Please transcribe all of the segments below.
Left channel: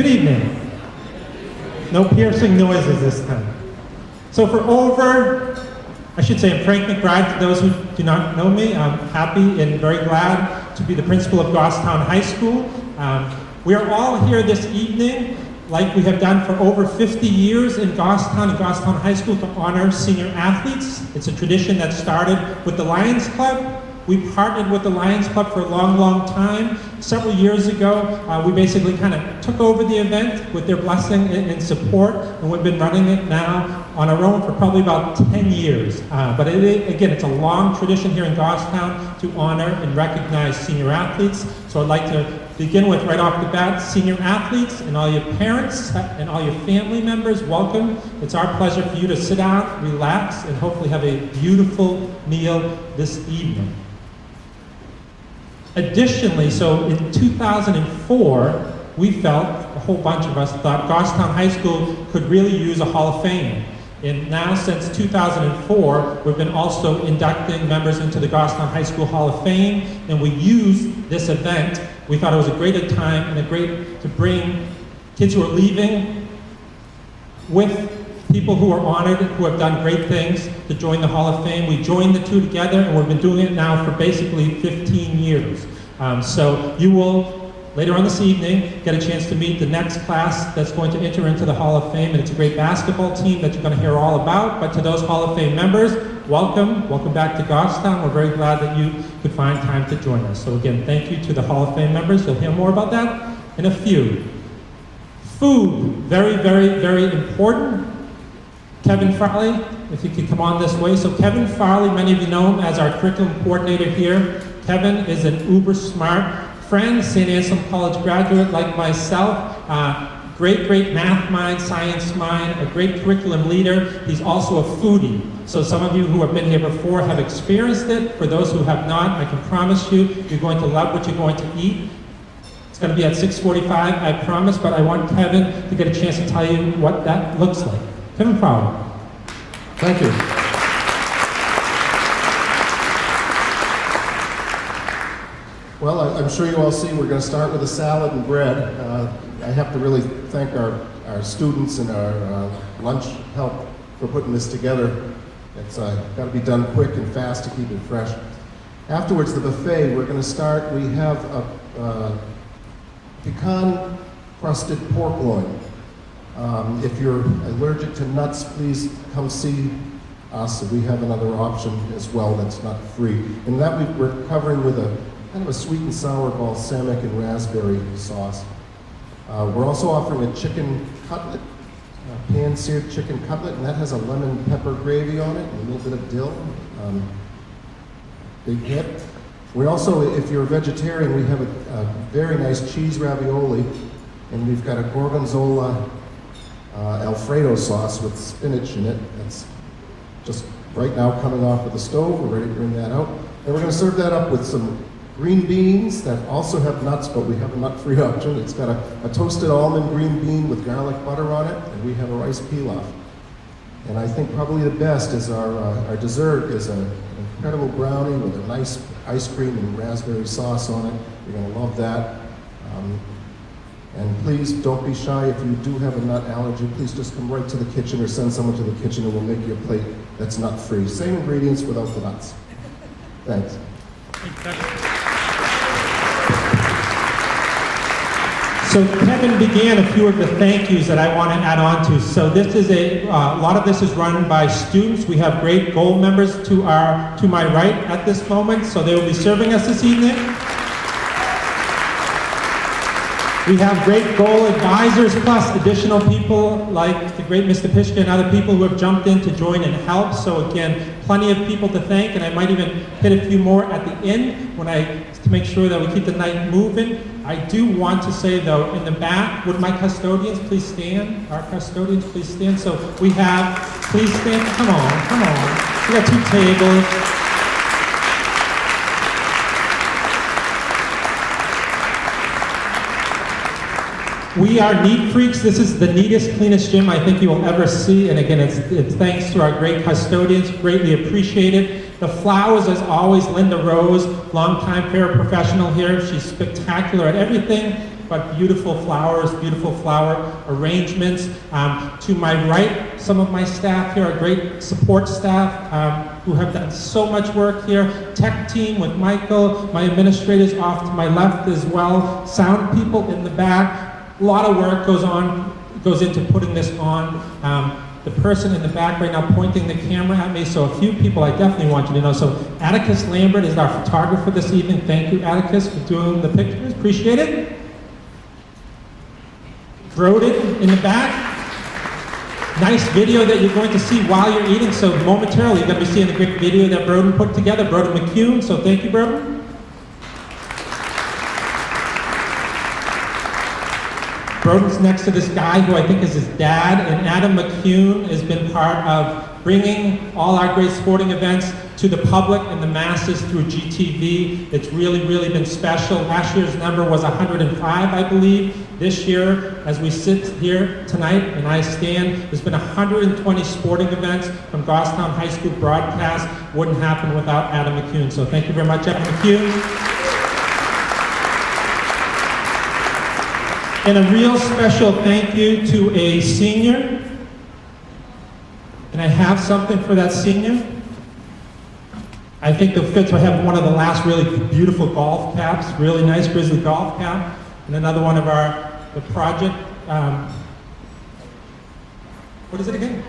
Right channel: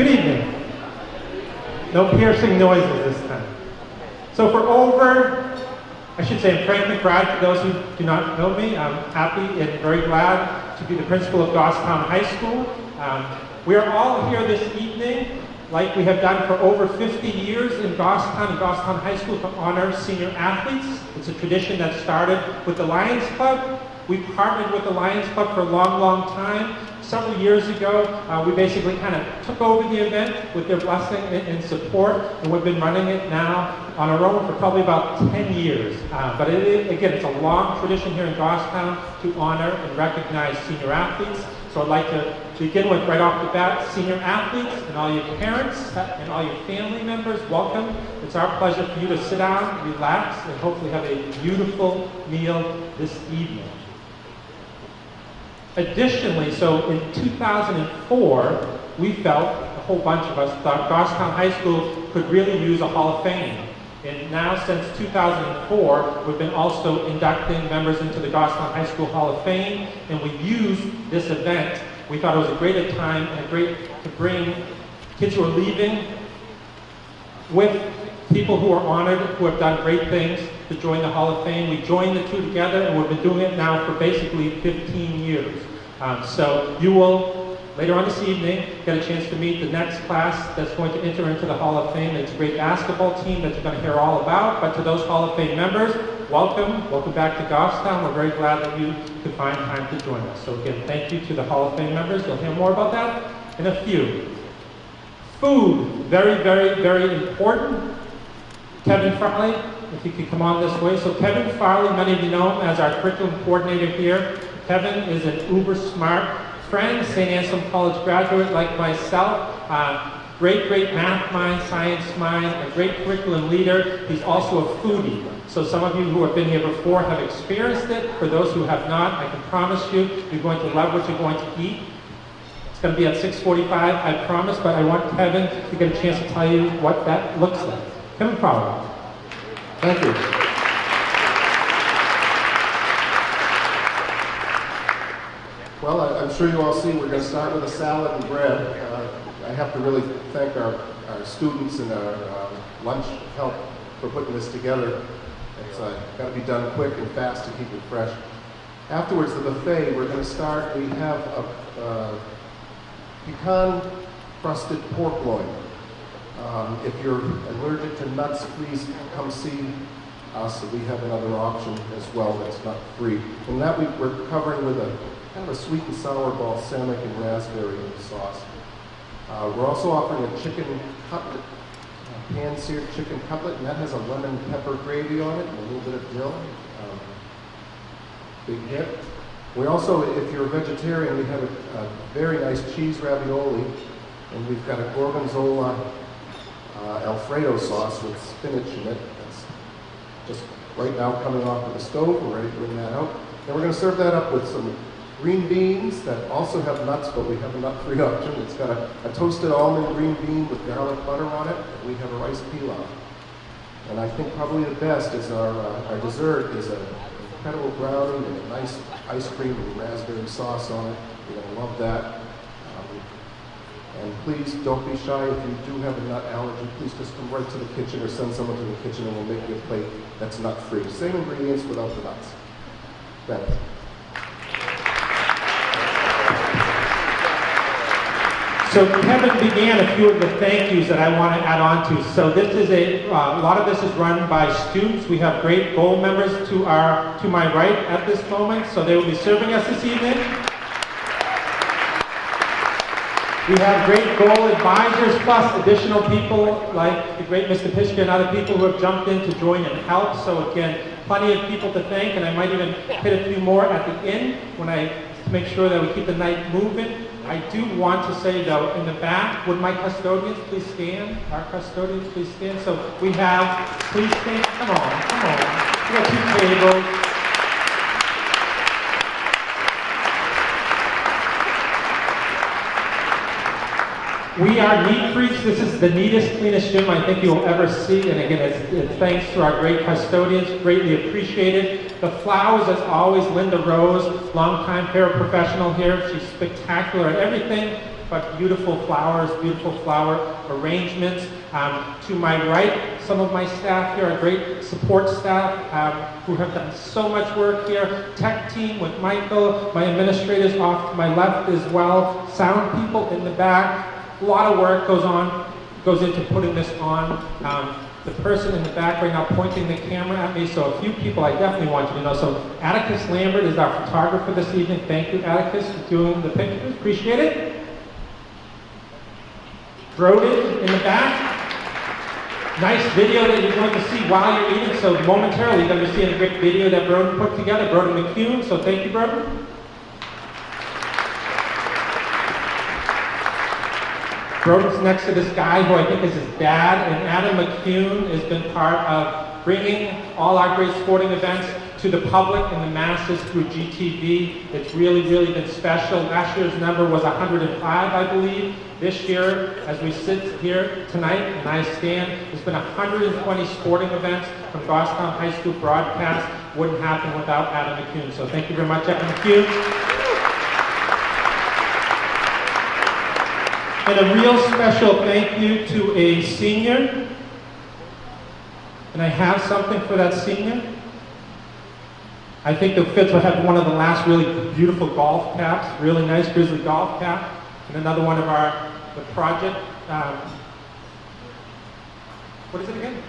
Good evening. No piercing noises this time. So I'm Frank McBride. For those who do not know me, I'm happy and very glad to be the principal of Goffstown High School. We are all here this evening, like we have done for over 50 years in Goffstown and Goffstown High School, to honor senior athletes. It's a tradition that started with the Lions Club. We partnered with the Lions Club for a long, long time. Several years ago, we basically kind of took over the event with their blessing and support, and we've been running it now on our own for probably about 10 years. But again, it's a long tradition here in Goffstown to honor and recognize senior athletes. So I'd like to begin with, right off the bat, senior athletes and all your parents and all your family members, welcome. It's our pleasure for you to sit down, relax, and hopefully have a beautiful meal this evening. Additionally, so in 2004, we felt, a whole bunch of us thought, Goffstown High School could really use a Hall of Fame. And now, since 2004, we've been also inducting members into the Goffstown High School Hall of Fame, and we used this event. We thought it was a great time and to bring kids who are leaving with people who are honored, who have done great things, to join the Hall of Fame. We joined the two together, and we've been doing it now for basically 15 years. So you will, later on this evening, get a chance to meet the next class that's going to enter into the Hall of Fame. And it's a great basketball team that you're going to hear all about. But to those Hall of Fame members, welcome. Welcome back to Goffstown. We're very glad that you could find time to join us. So again, thank you to the Hall of Fame members. You'll hear more about that in a few. Food, very, very, very important. Kevin Farley, if you could come on this way. So Kevin Farley, many of you know him as our curriculum coordinator here. Kevin is an uber smart friend, St. Anselm College graduate like myself. Great math mind, science mind, a great curriculum leader. He's also a foodie. So some of you who have been here before have experienced it. For those who have not, I can promise you, you're going to love what you're going to eat. It's going to be at 6:45, I promise, but I want Kevin to get a chance to tell you what that looks like. Kevin Farley. Thank you. Well, I'm sure you all see we're going to start with a salad and bread. I have to really thank our students and our lunch help for putting this together. It's got to be done quick and fast to keep it fresh. Afterwards, the buffet, we're going to start. We have a pecan-crusted pork loin. If you're allergic to nuts, please come see us. We have another option as well that's not free. And that we're covering with a kind of a sweet and sour balsamic and raspberry sauce. We're also offering a chicken cutlet, a pan-seared chicken cutlet, and that has a lemon pepper gravy on it and a little bit of dill. Big hit. We also, if you're a vegetarian, we have a very nice cheese ravioli, and we've got a gorgonzola Alfredo sauce with spinach in it. That's just right now coming off of the stove. We're ready to bring that out. And we're going to serve that up with some green beans that also have nuts, but we have a nut-free option. It's got a toasted almond green bean with garlic butter on it, and we have a rice pilaf. And I think probably the best is our dessert is an incredible brownie with a nice ice cream and raspberry sauce on it. You're going to love that. And please don't be shy. If you do have a nut allergy, please just come right to the kitchen or send someone to the kitchen and we'll make you a plate that's nut-free. Same ingredients without the nuts. Thanks. So Kevin began a few of the thank yous that I want to add on to. So this is a lot of this is run by students. We have great goal members to my right at this moment, so they will be serving us this evening. We have great goal advisors, plus additional people like the great Mr. Pishka and other people who have jumped in to join and help. So again, plenty of people to thank, and I might even hit a few more at the end to make sure that we keep the night moving. I do want to say though, in the back, would my custodians please stand? Our custodians please stand. So we have, please stand, come on. We got two tables. We are neat freaks. This is the neatest, cleanest gym I think you will ever see. And again, it's thanks to our great custodians, greatly appreciated. The flowers, as always, Linda Rose, longtime paraprofessional here. She's spectacular at everything. but beautiful flowers, beautiful flower arrangements. To my right, some of my staff here are great support staff who have done so much work here. Tech team with Michael, my administrators off to my left as well, sound people in the back. A lot of work goes into putting this on. The person in the back right now pointing the camera at me, so a few people I definitely want you to know. So Atticus Lambert is our photographer this evening. Thank you, Atticus, for doing the pictures. Appreciate it. Broden in the back. Nice video that you're going to see while you're eating. So momentarily you're going to be seeing a great video that Broden put together, Broden McCune. So thank you, Broden. Broden's next to this guy who I think is his dad, and Adam McCune has been part of bringing all our great sporting events to the public and the masses through GTV. It's really, really been special. Last year's number was 105, I believe. This year, as we sit here tonight and I stand, there's been 120 sporting events from Goffstown High School broadcast. Wouldn't happen without Adam McCune. So thank you very much, Adam McCune. And a real special thank you to a senior. And I have something for that senior. I think the Fitz will have one of the last really beautiful golf caps, really nice Grizzly golf cap, and another one of the project, what is it again?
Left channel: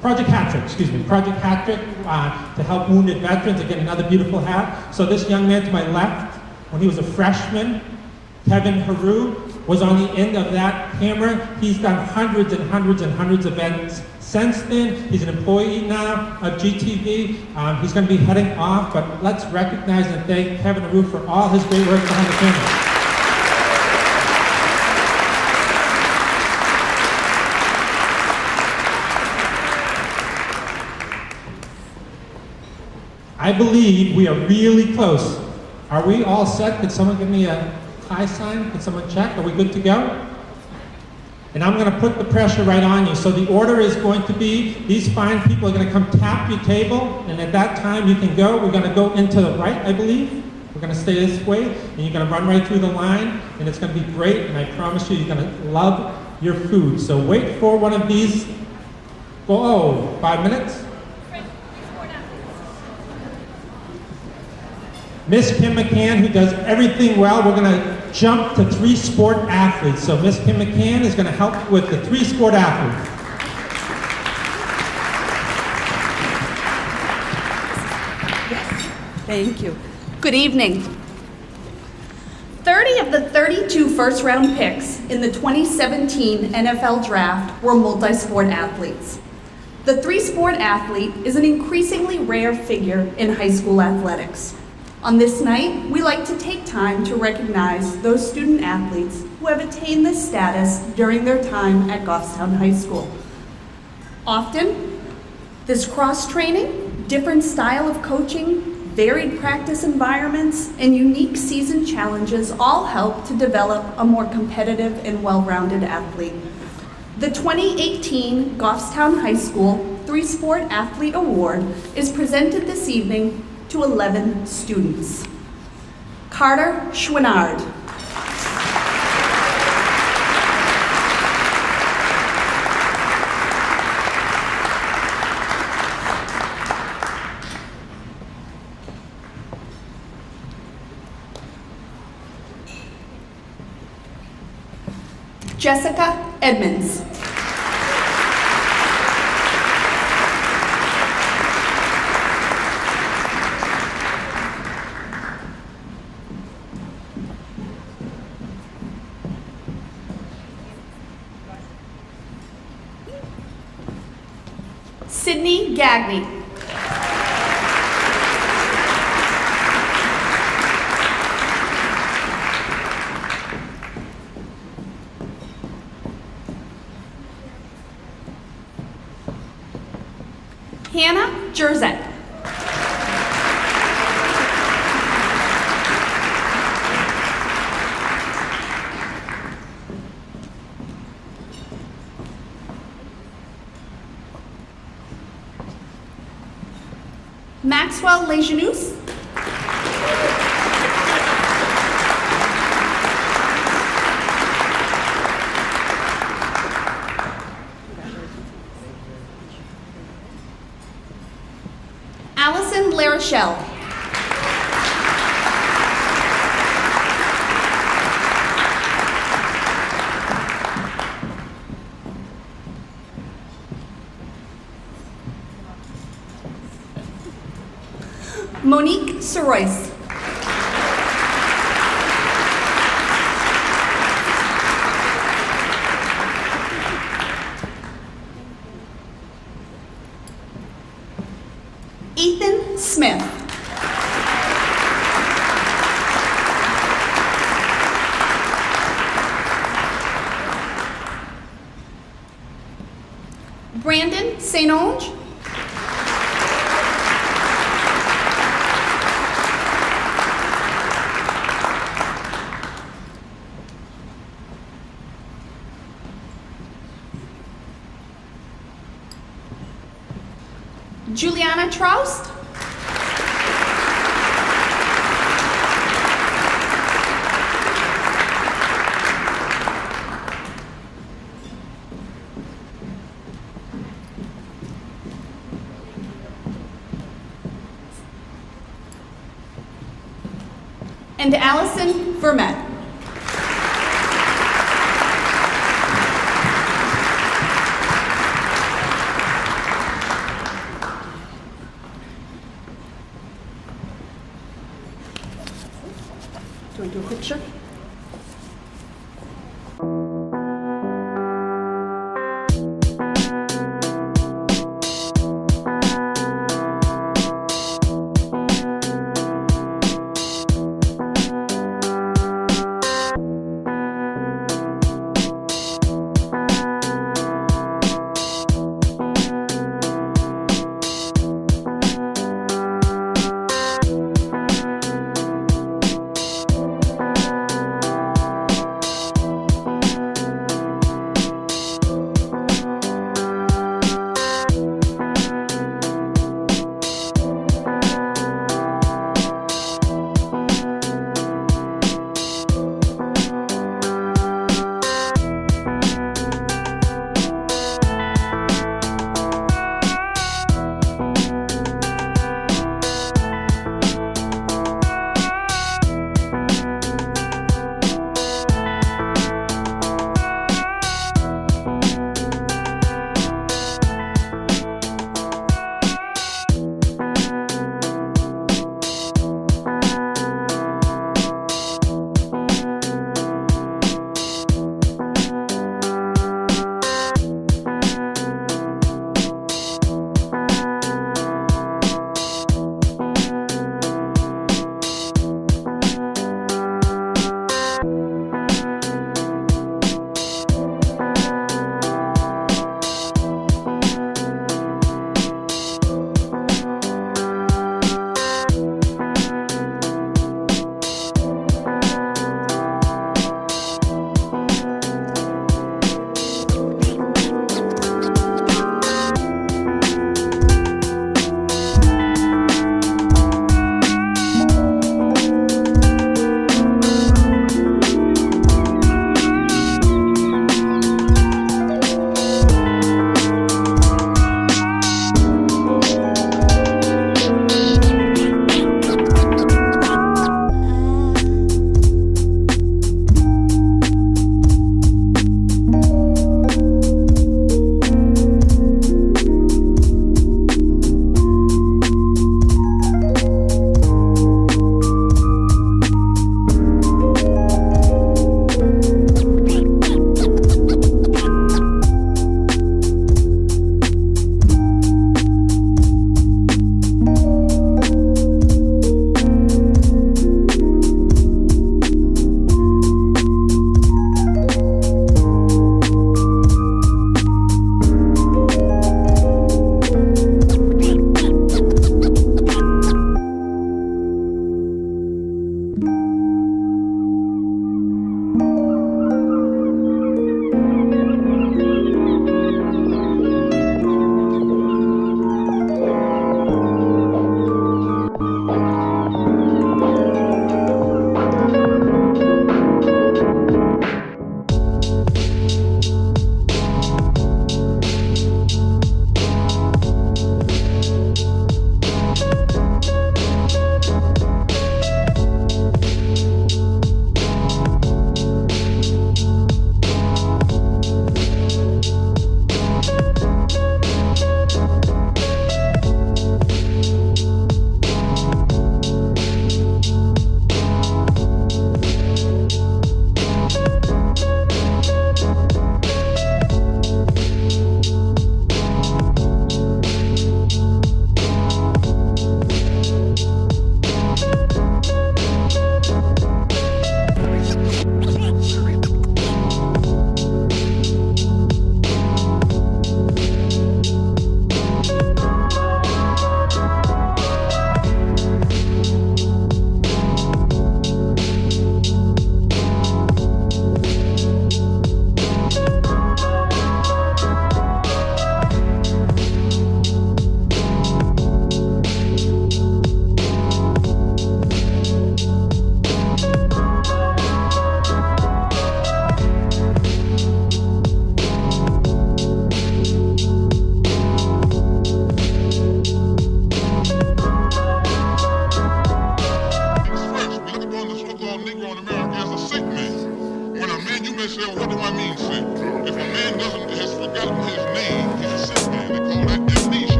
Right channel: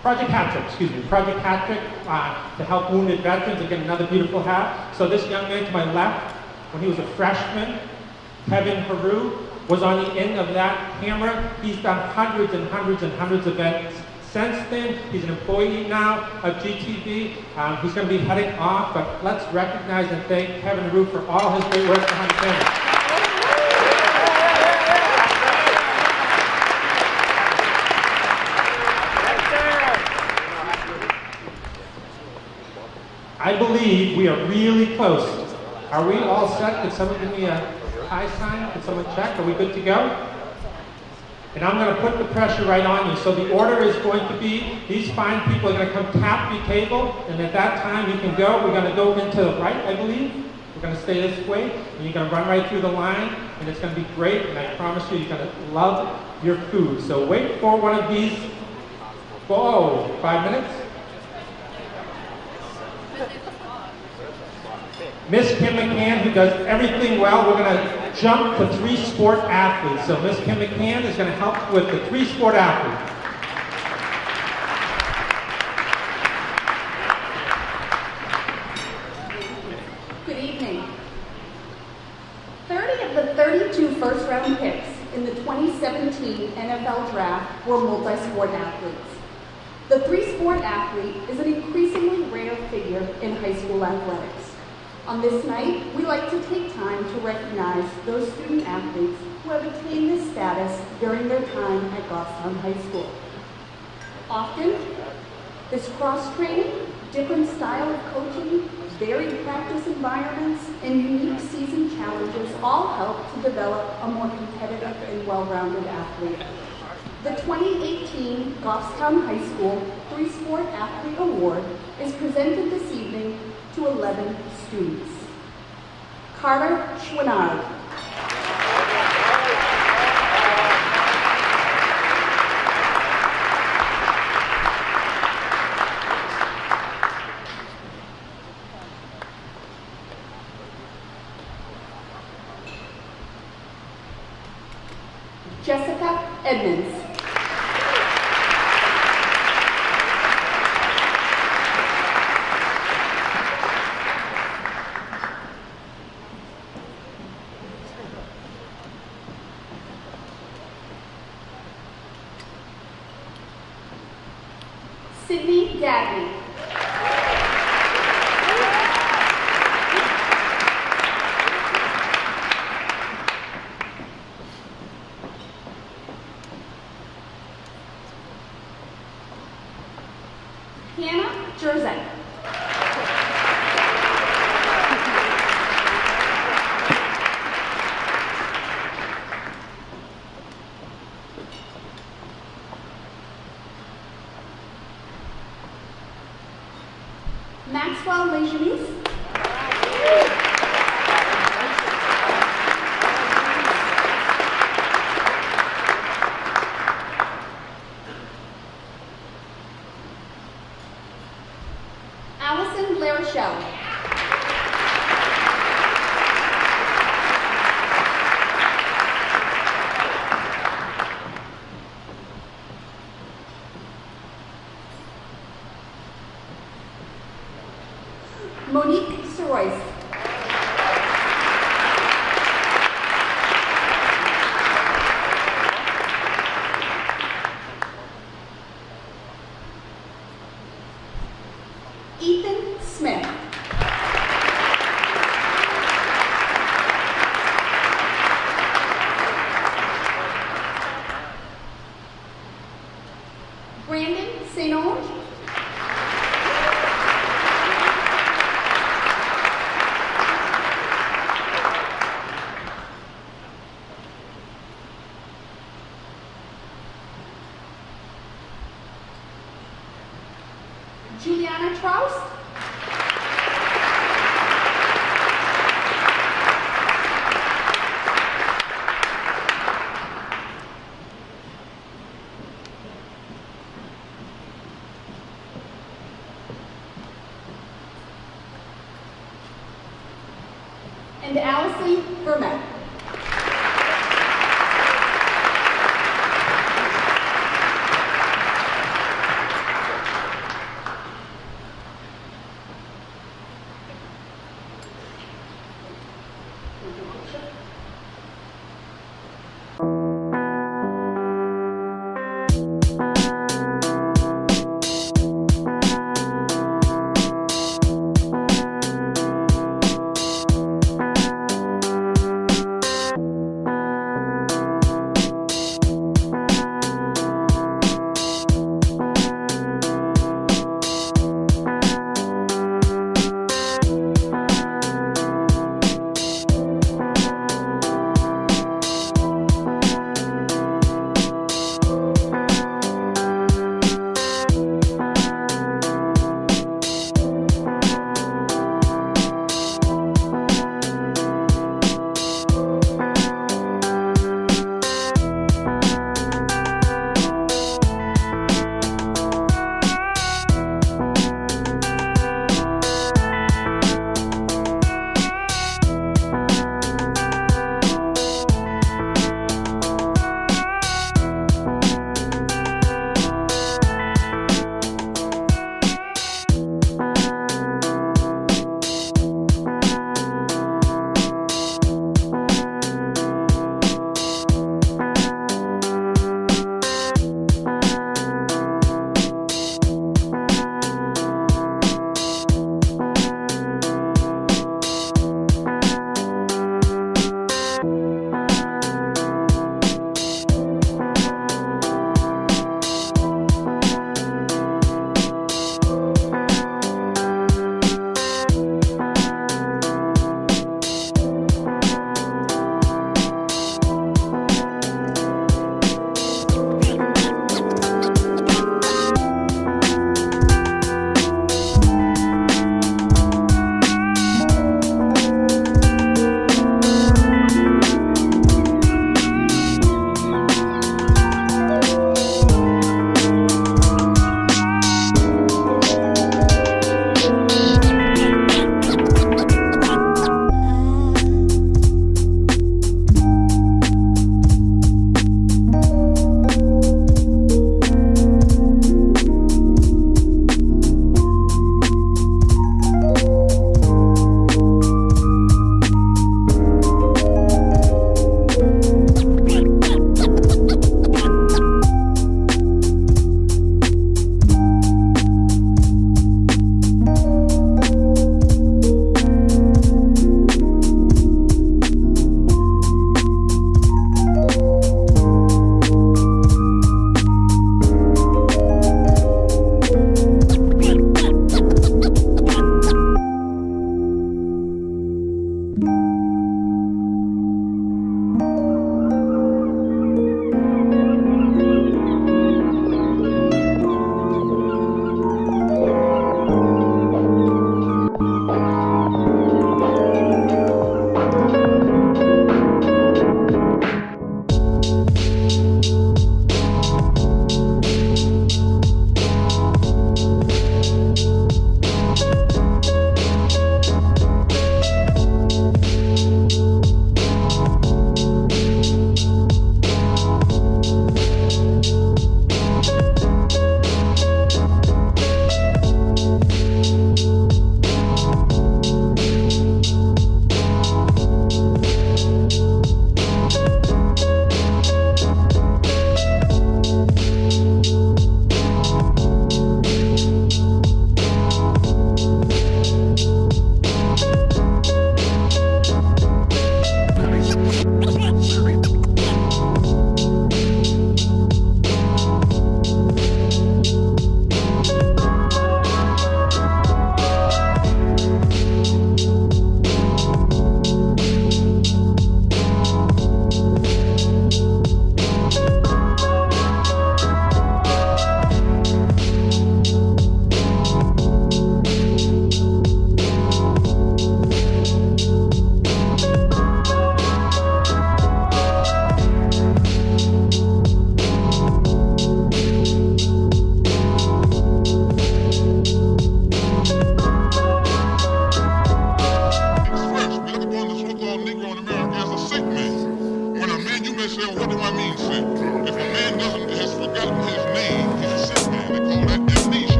Project Hat-Trick, excuse me, Project Hat-Trick to help wounded veterans. Again, another beautiful hat. So this young man to my left, when he was a freshman, Kevin Haru, was on the end of that camera. He's done hundreds and hundreds and hundreds of events since then. He's an employee now of GTV. He's going to be heading off, but let's recognize and thank Kevin Haru for all his great work behind the camera. I believe we are really close. Are we all set? Can someone give me a high sign? Can someone check? Are we good to go? And I'm going to put the pressure right on you. So the order is going to be, these fine people are going to come tap your table, and at that time you can go. We're going to go into the right, I believe. We're going to stay this way, and you're going to run right through the line, and it's going to be great, and I promise you, you're going to love your food. So wait for one of these. Oh, 5 minutes? Miss Kim McCann, who does everything well, we're going to jump to 3 sport athletes. So Miss Kim McCann is going to help with the 3 sport athletes. Thank you. Good evening. 30 of the 32 first-round picks in the 2017 NFL Draft were multi-sport athletes. The 3-sport athlete is an increasingly rare figure in high school athletics. On this night, we like to take time to recognize those student athletes who have attained this status during their time at Goffstown High School. Often, this cross-training, different style of coaching, varied practice environments, and unique season challenges all help to develop a more competitive and well-rounded athlete. The 2018 Goffstown High School 3-Sport Athlete Award is presented this evening to 11 students. Carter Schwinnard. Jessica Edmonds. Sydney Gagney. Hannah Jerzett. Maxwell Lejeunous. Rochelle. Monique Sorois. Ethan Smith. Brandon St. Onge. Juliana Troust. And Allison Vermette. Do we do a picture?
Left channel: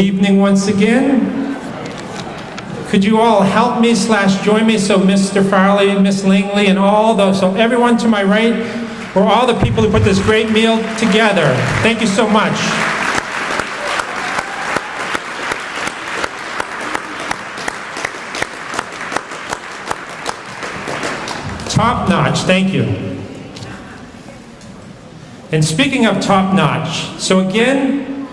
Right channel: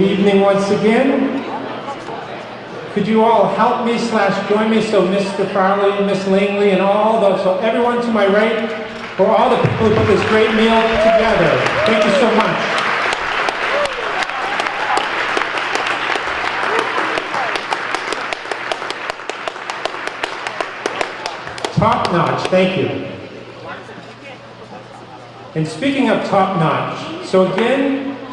evening once again. Could you all help me / join me so Mr. Farley, Miss Langley, and all those, so everyone to my right, for all the people who put this great meal together. Thank you so much. Top notch, thank you. And speaking of top notch, so again,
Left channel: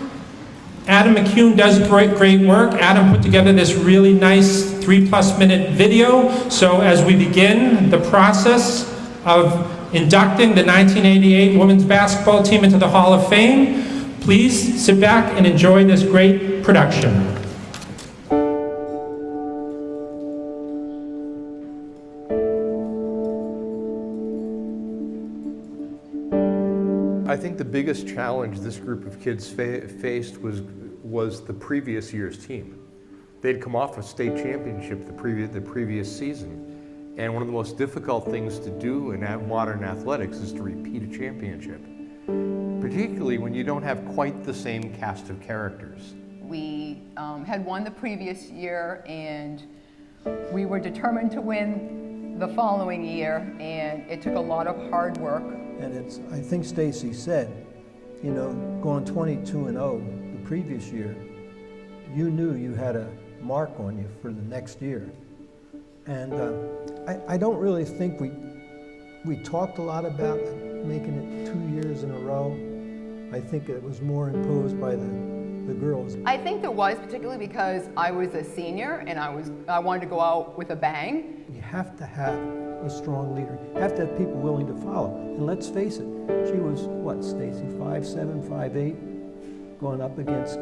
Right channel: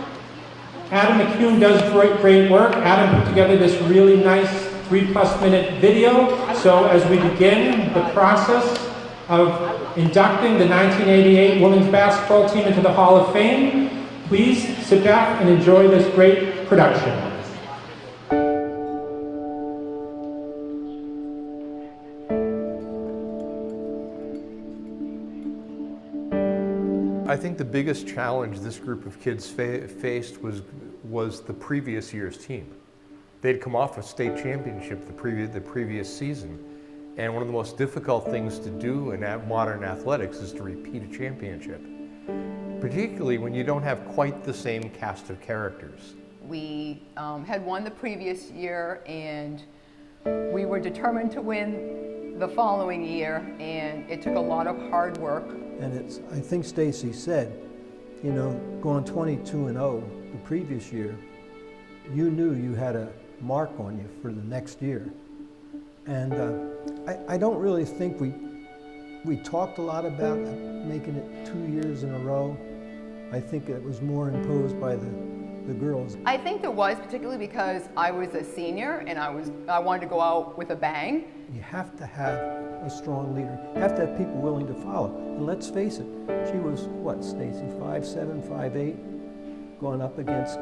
Adam McCune does great work. Adam put together this really nice 3+ minute video. So as we begin the process of inducting the 1988 women's basketball team into the Hall of Fame, please sit back and enjoy this great production. I think the biggest challenge this group of kids faced was the previous year's team. They'd come off a state championship the previous season, and one of the most difficult things to do in modern athletics is to repeat a championship, particularly when you don't have quite the same cast of characters. We had won the previous year, and we were determined to win the following year, and it took a lot of hard work. And it's, I think Stacy said, you know, going 22-0 the previous year, you knew you had a mark on you for the next year. And I don't really think we talked a lot about making it 2 years in a row. I think it was more imposed by the girls. I think there was, particularly because I was a senior and I wanted to go out with a bang. You have to have a strong leader. You have to have people willing to follow. And let's face it, she was, what, Stacy, 5'7", 5'8", going up against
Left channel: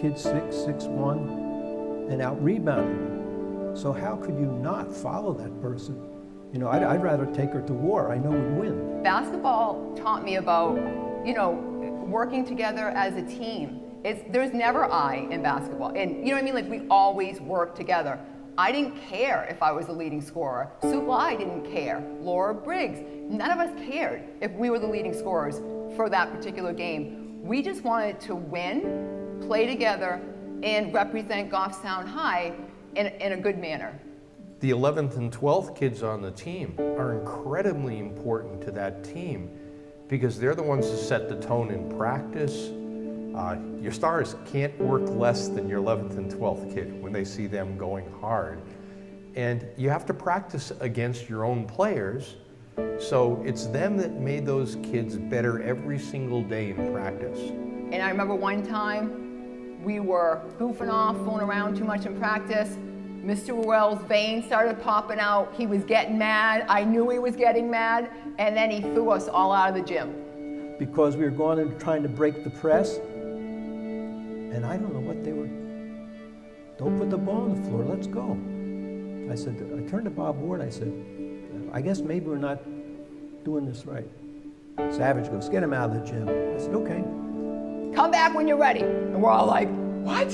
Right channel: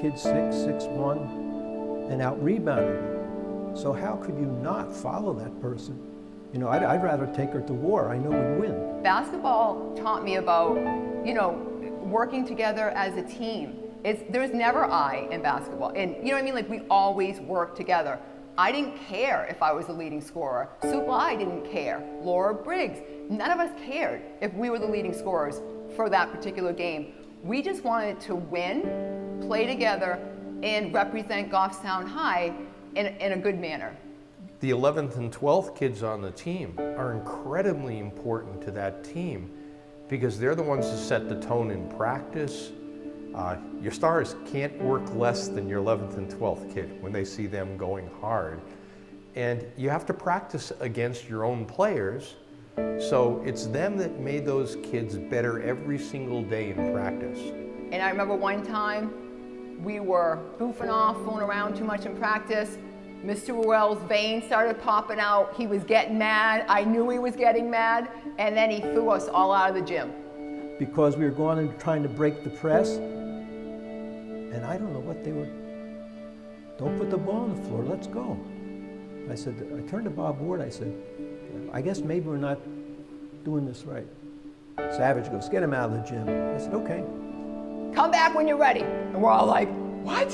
kids 6', 6'1", and out-rebounding them. So how could you not follow that person? You know, I'd rather take her to war. I know we'd win. Basketball taught me about, you know, working together as a team. There's never I in basketball. And you know what I mean? Like, we always work together. I didn't care if I was the leading scorer. Sue Bly didn't care. Laura Briggs. None of us cared if we were the leading scorers for that particular game. We just wanted to win, play together, and represent Goffstown High in a good manner. The 11th and 12th kids on the team are incredibly important to that team because they're the ones who set the tone in practice. Your stars can't work less than your 11th and 12th kid when they see them going hard. And you have to practice against your own players, so it's them that made those kids better every single day in practice. And I remember one time we were goofing off, fooling around too much in practice. Mr. Ruel's veins started popping out. He was getting mad. I knew he was getting mad. And then he threw us all out of the gym. Because we were going and trying to break the press, and I don't know what they were, don't put the ball on the floor, let's go. I said, I turned to Bob Ward, I said, I guess maybe we're not doing this right. Savage goes, get him out of the gym. I said, okay. Come back when you're ready. And we're all like, what?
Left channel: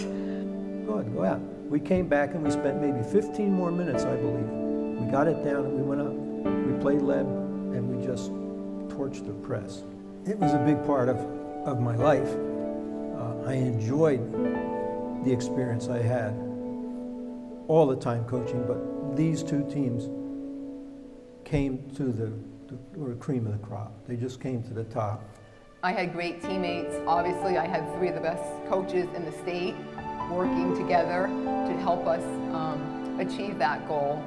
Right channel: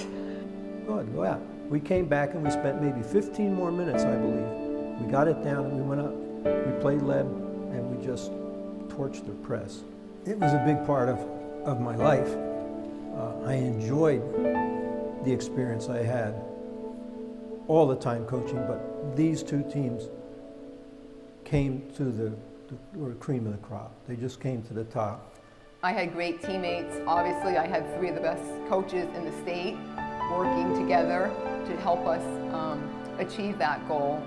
Go ahead, go out. We came back and we spent maybe 15 more minutes, I believe. We got it down and we went up. We played Leb and we just torched the press. It was a big part of my life. I enjoyed the experience I had all the time coaching, but these two teams came to the cream of the crop. They just came to the top. I had great teammates. Obviously, I had 3 of the best coaches in the state working together to help us achieve that goal.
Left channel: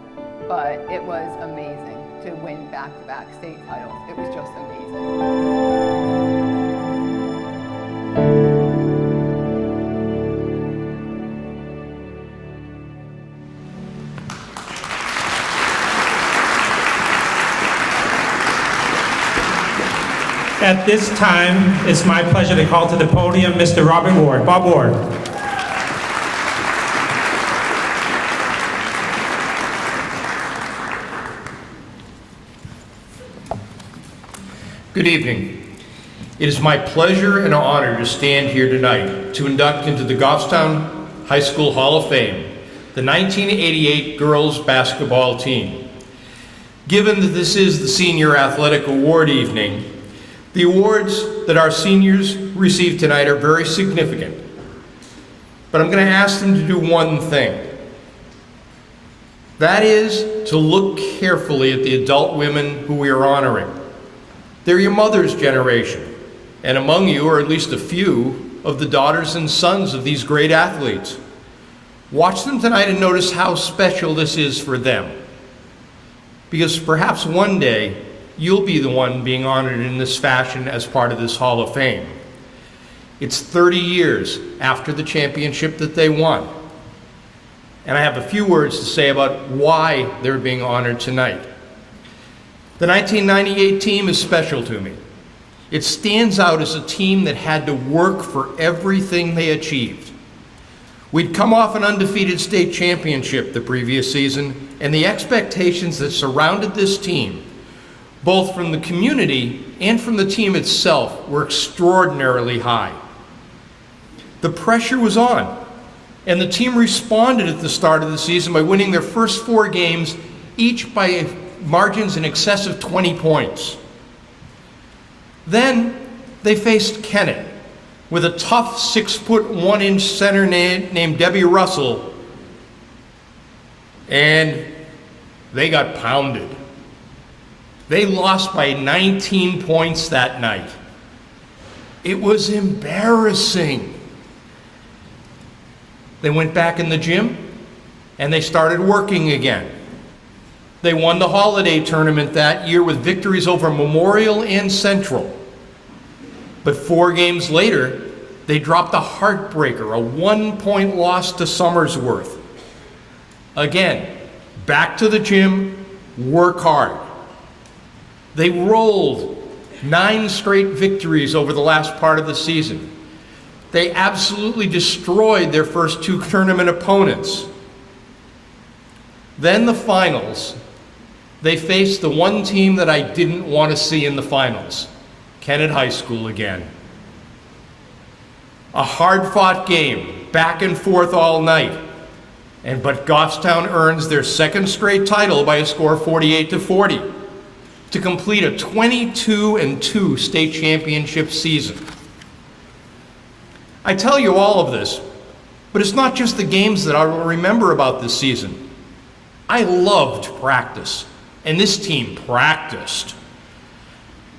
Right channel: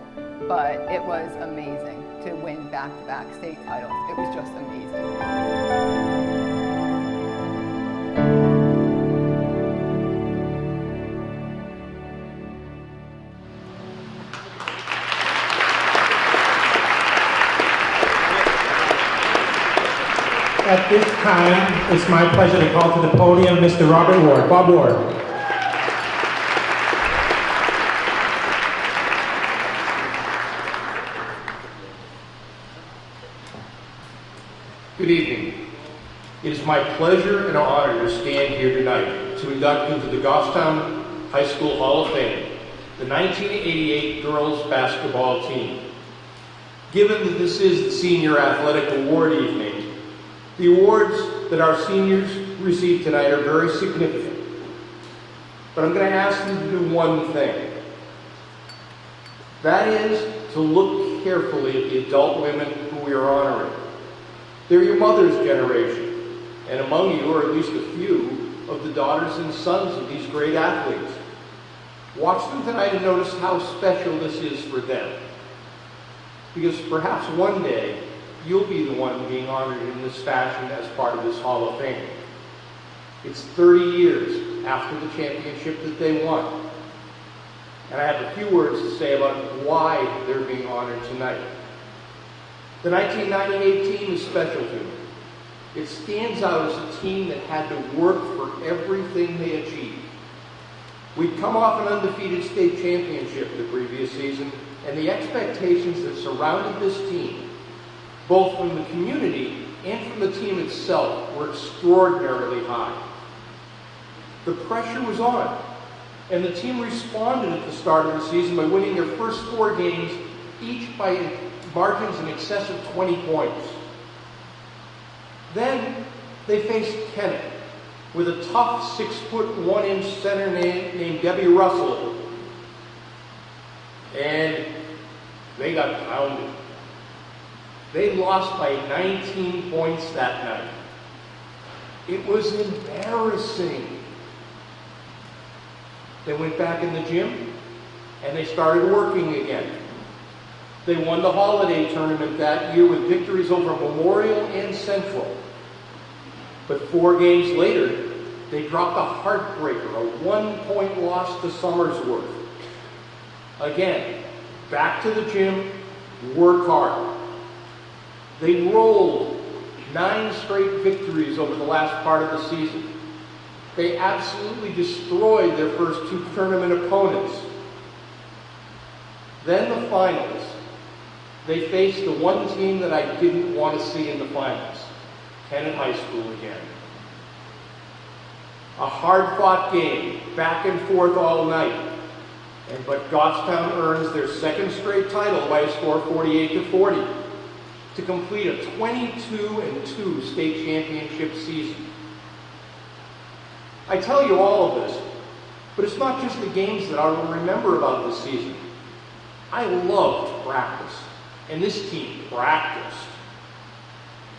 But it was amazing to win back-to-back state titles. It was just amazing. At this time, it's my pleasure to call to the podium Mr. Robert Ward. Bob Ward. Good evening. It is my pleasure and honor to stand here tonight to induct into the Goffstown High School Hall of Fame the 1988 girls basketball team. Given that this is the Senior Athletic Award evening, the awards that our seniors receive tonight are very significant. but I'm going to ask them to do one thing. That is to look carefully at the adult women who we are honoring. They're your mother's generation, and among you are at least a few of the daughters and sons of these great athletes. Watch them tonight and notice how special this is for them. Because perhaps one day, you'll be the one being honored in this fashion as part of this Hall of Fame. It's 30 years after the championship that they won. And I have a few words to say about why they're being honored tonight. The 1998 team is special to me. It stands out as a team that had to work for everything they achieved. We'd come off an undefeated state championship the previous season, and the expectations that surrounded this team, both from the community and from the team itself, were extraordinarily high. The pressure was on, and the team responded at the start of the season by winning their first 4 games, each by margins in excess of 20 points. Then they faced Kennett with a tough 6'1" center named Debbie Russell, and they got pounded. They lost by 19 points that night. It was embarrassing. They went back in the gym and they started working again. They won the holiday tournament that year with victories over Memorial and Central. But 4 games later, they dropped a heartbreaker, a 1-point loss to Somersworth. Again, back to the gym, work hard. They rolled 9 straight victories over the last part of the season. They absolutely destroyed their first 2 tournament opponents. Then the finals, they faced the one team that I didn't want to see in the finals, Kennett High School again. A hard-fought game, back and forth all night. But Goffstown earns their 2nd straight title by a score of 48-40 to complete a 22-2 state championship season. I tell you all of this, but it's not just the games that I will remember about this season. I loved practice, and this team practiced.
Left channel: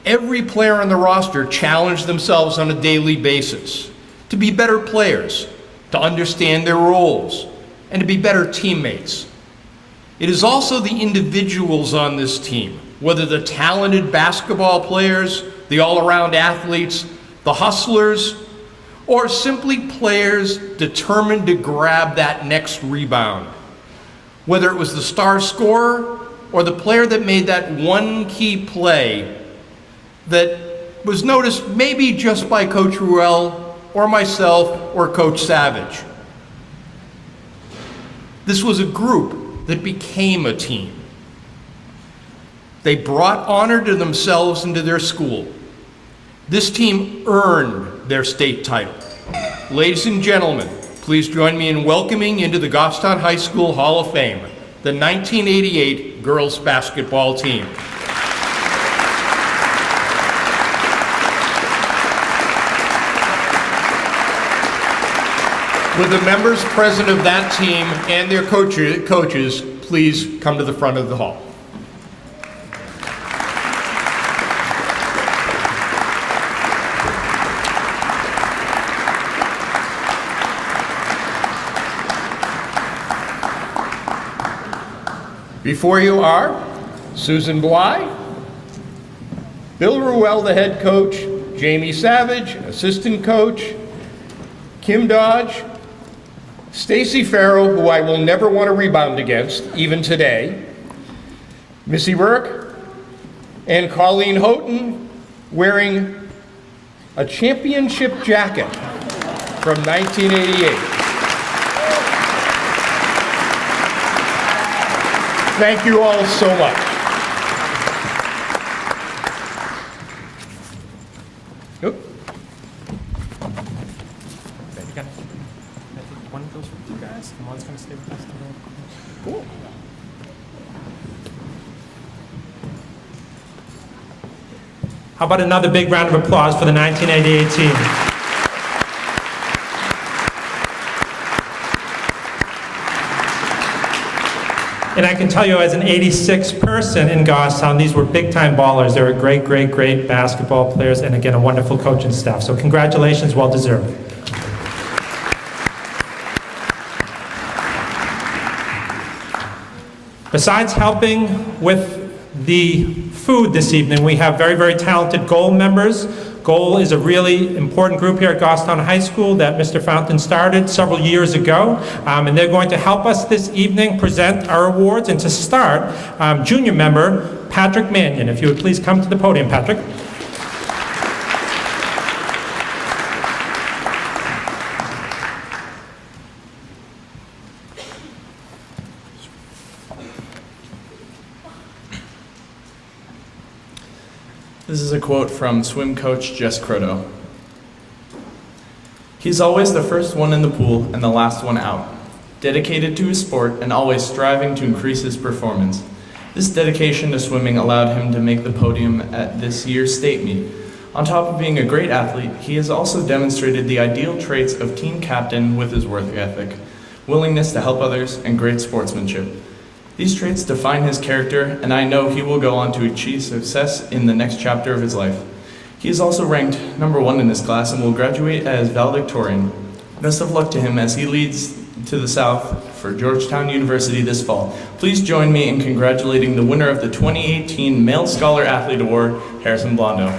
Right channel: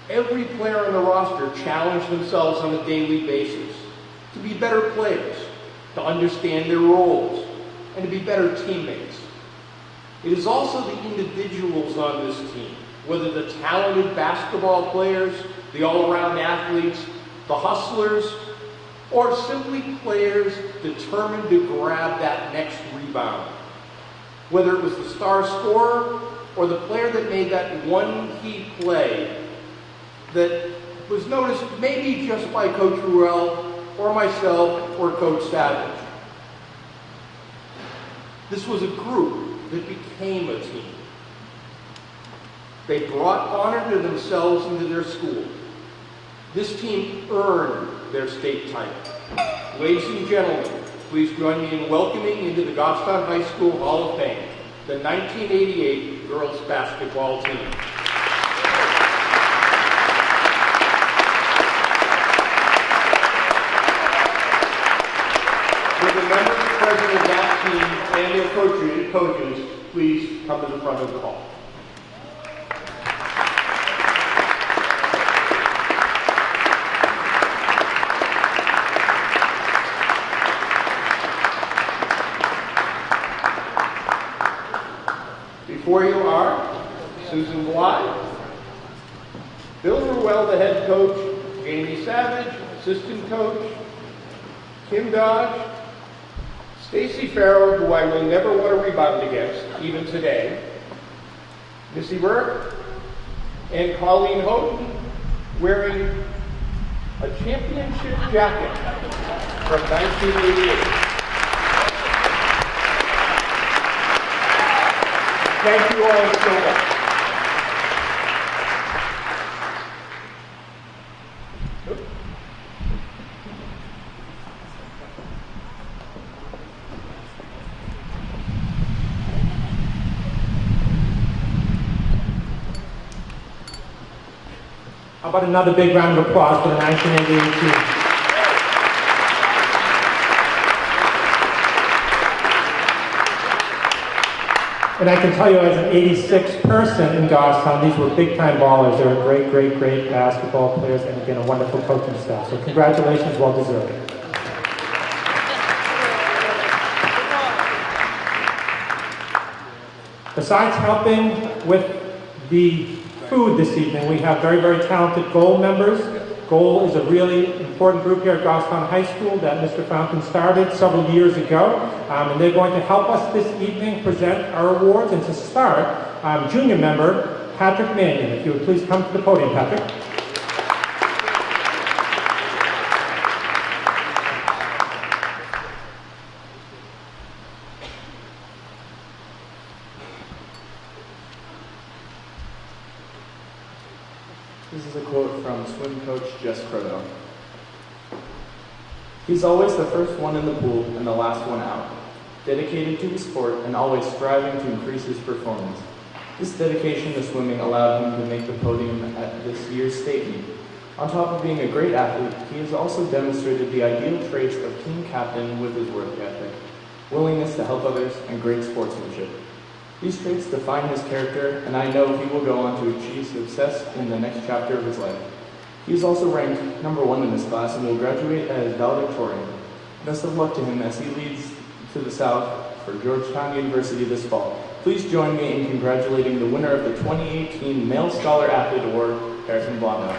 Every player on the roster challenged themselves on a daily basis to be better players, to understand their roles, and to be better teammates. It is also the individuals on this team, whether the talented basketball players, the all-around athletes, the hustlers, or simply players determined to grab that next rebound. Whether it was the star scorer or the player that made that one key play that was noticed maybe just by Coach Ruel or myself or Coach Savage. This was a group that became a team. They brought honor to themselves and to their school. This team earned their state title. Ladies and gentlemen, please join me in welcoming into the Goffstown High School Hall of Fame the 1988 girls basketball team. Would the members present of that team and their coaches please come to the front of the hall. Before you are Susan Bly, Bill Ruel, the head coach, Jamie Savage, assistant coach, Kim Dodge, Stacy Farrell, who I will never want to rebound against, even today, Missy Burke, and Colleen Houghton, wearing a championship jacket from 1988. Thank you all so much. Oop. How about another big round of applause for the 1988 team? And I can tell you, as an 86 person in Goffstown, these were big-time ballers. They were great, great, great basketball players, and again, a wonderful coaching staff. So congratulations, well deserved. Besides helping with the food this evening, we have very, very talented goal members. Goal is a really important group here at Goffstown High School that Mr. Fountain started several years ago, and they're going to help us this evening present our awards. And to start, junior member Patrick Mannion. If you would please come to the podium, Patrick. This is a quote from swim coach Jess Croto. He's always the first one in the pool and the last one out, dedicated to his sport and always striving to increase his performance. This dedication to swimming allowed him to make the podium at this year's state meet. On top of being a great athlete, he has also demonstrated the ideal traits of team captain with his work ethic, willingness to help others, and great sportsmanship. These traits define his character, and I know he will go on to achieve success in the next chapter of his life. He is also ranked #1 in his class and will graduate as valedictorian. Best of luck to him as he leads to the South for Georgetown University this fall. Please join me in congratulating the winner of the 2018 Male Scholar Athlete Award, Harrison Blondo.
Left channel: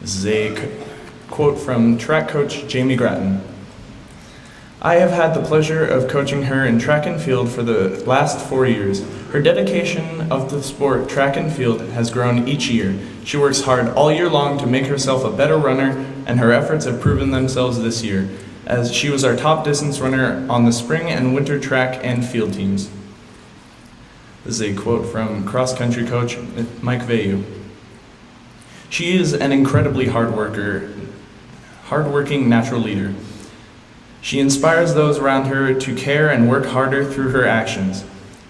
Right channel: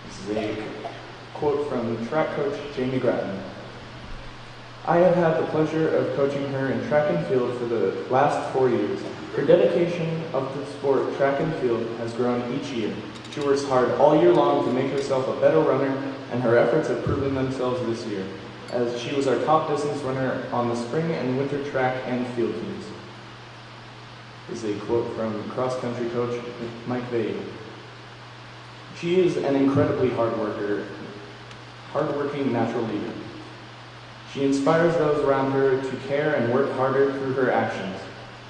This is a quote from track coach Jamie Grattan. I have had the pleasure of coaching her in track and field for the last 4 years. Her dedication of the sport track and field has grown each year. She works hard all year long to make herself a better runner, and her efforts have proven themselves this year, as she was our top distance runner on the spring and winter track and field teams. This is a quote from cross-country coach Mike Vayu. She is an incredibly hardworking natural leader. She inspires those around her to care and work harder through her actions.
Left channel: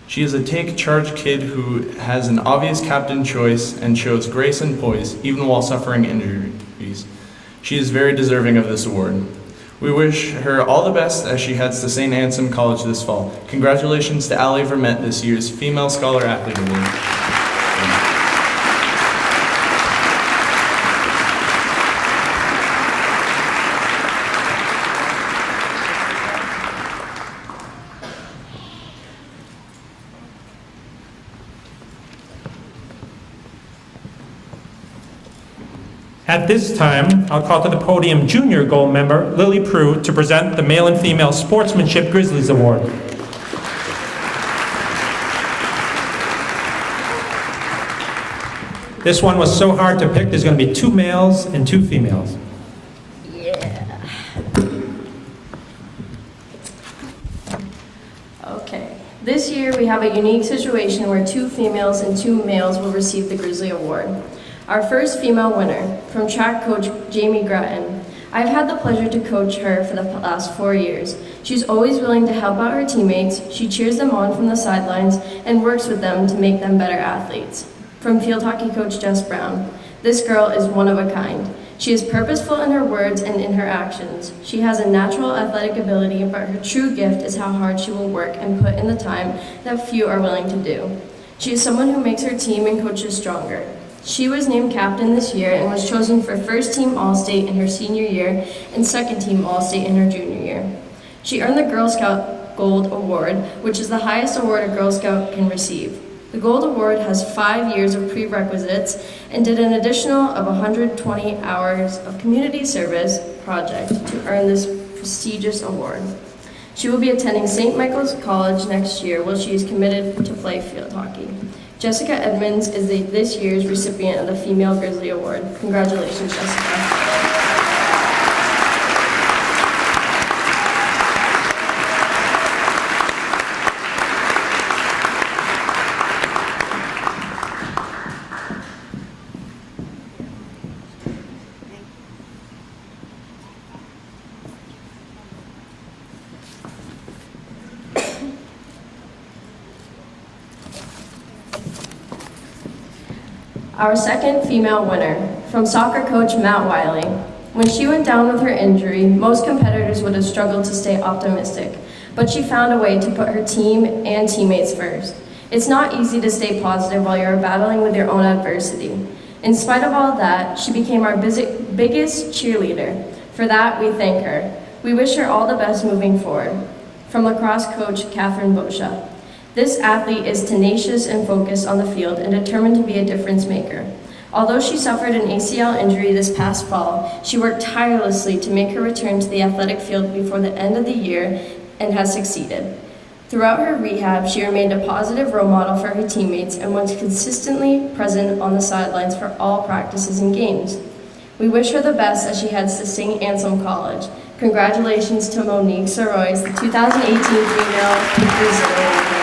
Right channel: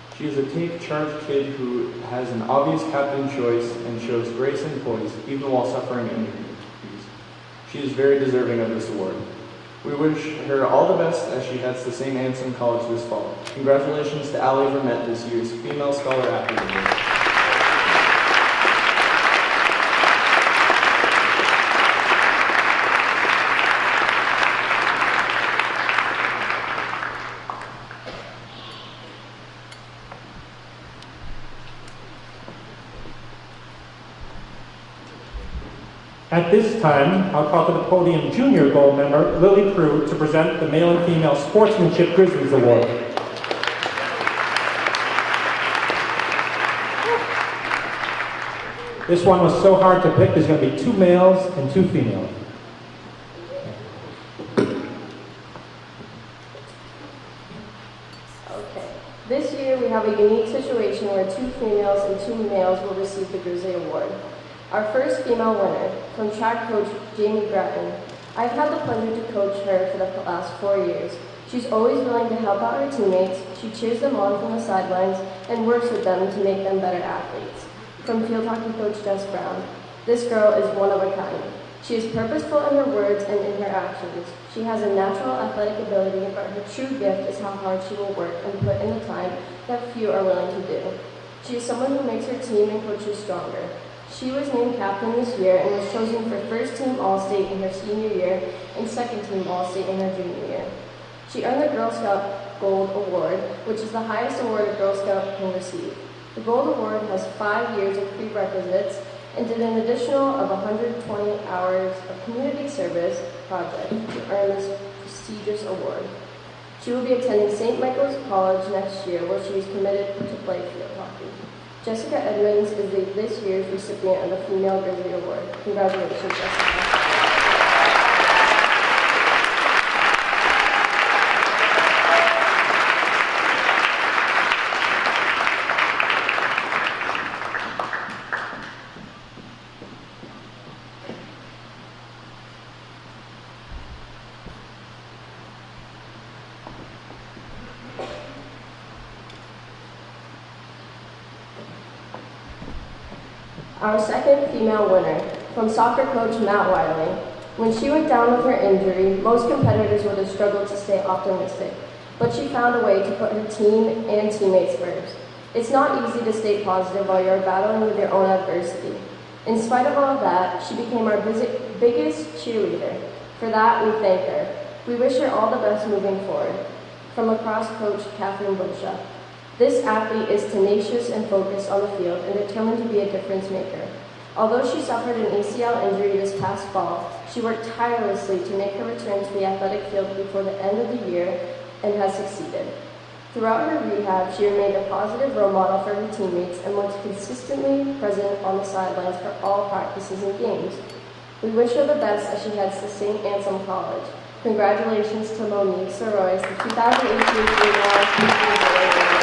She is a take-charge kid who has an obvious captain choice and shows grace and poise, even while suffering injuries. She is very deserving of this award. We wish her all the best as she heads to St. Anselm College this fall. Congratulations to Allie Vermette, this year's Female Scholar Athlete Award. At this time, I'll call to the podium junior gold member Lily Prue to present the Male and Female Sportsmanship Grizzlies Award. This one was so hard to pick, there's going to be 2 males and 2 females. Okay. This year we have a unique situation where 2 females and 2 males will receive the Grizzly Award. Our first female winner, from track coach Jamie Grattan. I've had the pleasure to coach her for the last 4 years. She's always willing to help out her teammates, she cheers them on from the sidelines, and works with them to make them better athletes. From field hockey coach Jess Brown, this girl is one of a kind. She is purposeful in her words and in her actions. She has a natural athletic ability, but her true gift is how hard she will work and put in the time that few are willing to do. She is someone who makes her team and coaches stronger. She was named captain this year and was chosen for first team All-State in her senior year and second team All-State in her junior year. She earned the Girl Scout Gold Award, which is the highest award a Girl Scout can receive. The Gold Award has 5 years of prerequisites and did an additional of 120 hours of community service project to earn this prestigious award. She will be attending St. Michael's College next year while she is committed to play field hockey. Jessica Edmonds is this year's recipient of the Female Grizzly Award. Congratulations, Jessica. Our second female winner, from soccer coach Matt Wiley. When she went down with her injury, most competitors would have struggled to stay optimistic, but she found a way to put her team and teammates first. It's not easy to stay positive while you're battling with your own adversity. In spite of all that, she became our biggest cheerleader. For that, we thank her. We wish her all the best moving forward. From lacrosse coach Catherine Boscia. This athlete is tenacious and focused on the field and determined to be a difference maker. Although she suffered an ACL injury this past fall, she worked tirelessly to make her return to the athletic field before the end of the year and has succeeded. Throughout her rehab, she remained a positive role model for her teammates and was consistently present on the sidelines for all practices and games. We wish her the best as she heads to St. Anselm College. Congratulations to Monique Sorois, the 2018 Female Brazilian.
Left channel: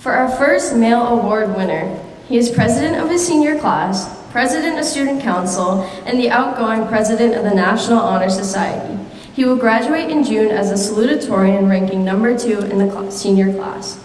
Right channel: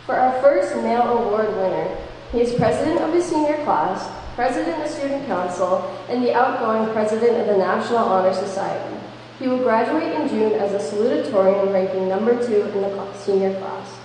For our first male award winner, he is president of his senior class, president of student council, and the outgoing president of the National Honor Society. He will graduate in June as a salutatorian, ranking number 2 in the senior class.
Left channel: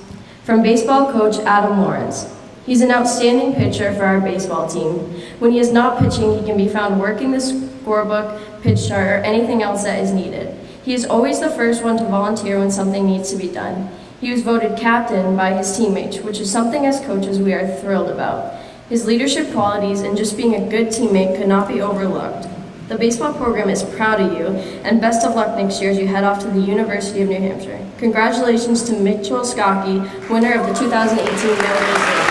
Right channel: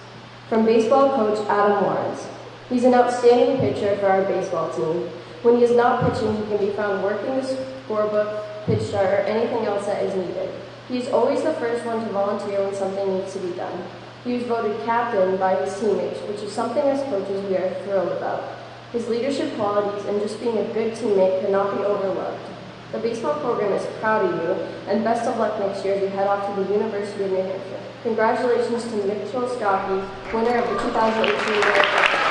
From baseball coach Adam Lawrence, he's an outstanding pitcher for our baseball team. When he is not pitching, he can be found working the scorebook, pitch chart, or anything else that is needed. He is always the first one to volunteer when something needs to be done. He was voted captain by his teammates, which is something as coaches we are thrilled about. His leadership qualities and just being a good teammate could not be overlooked. The baseball program is proud of you, and best of luck next year as you head off to the University of New Hampshire. Congratulations to Mitchell Skokie, winner of the 2018 World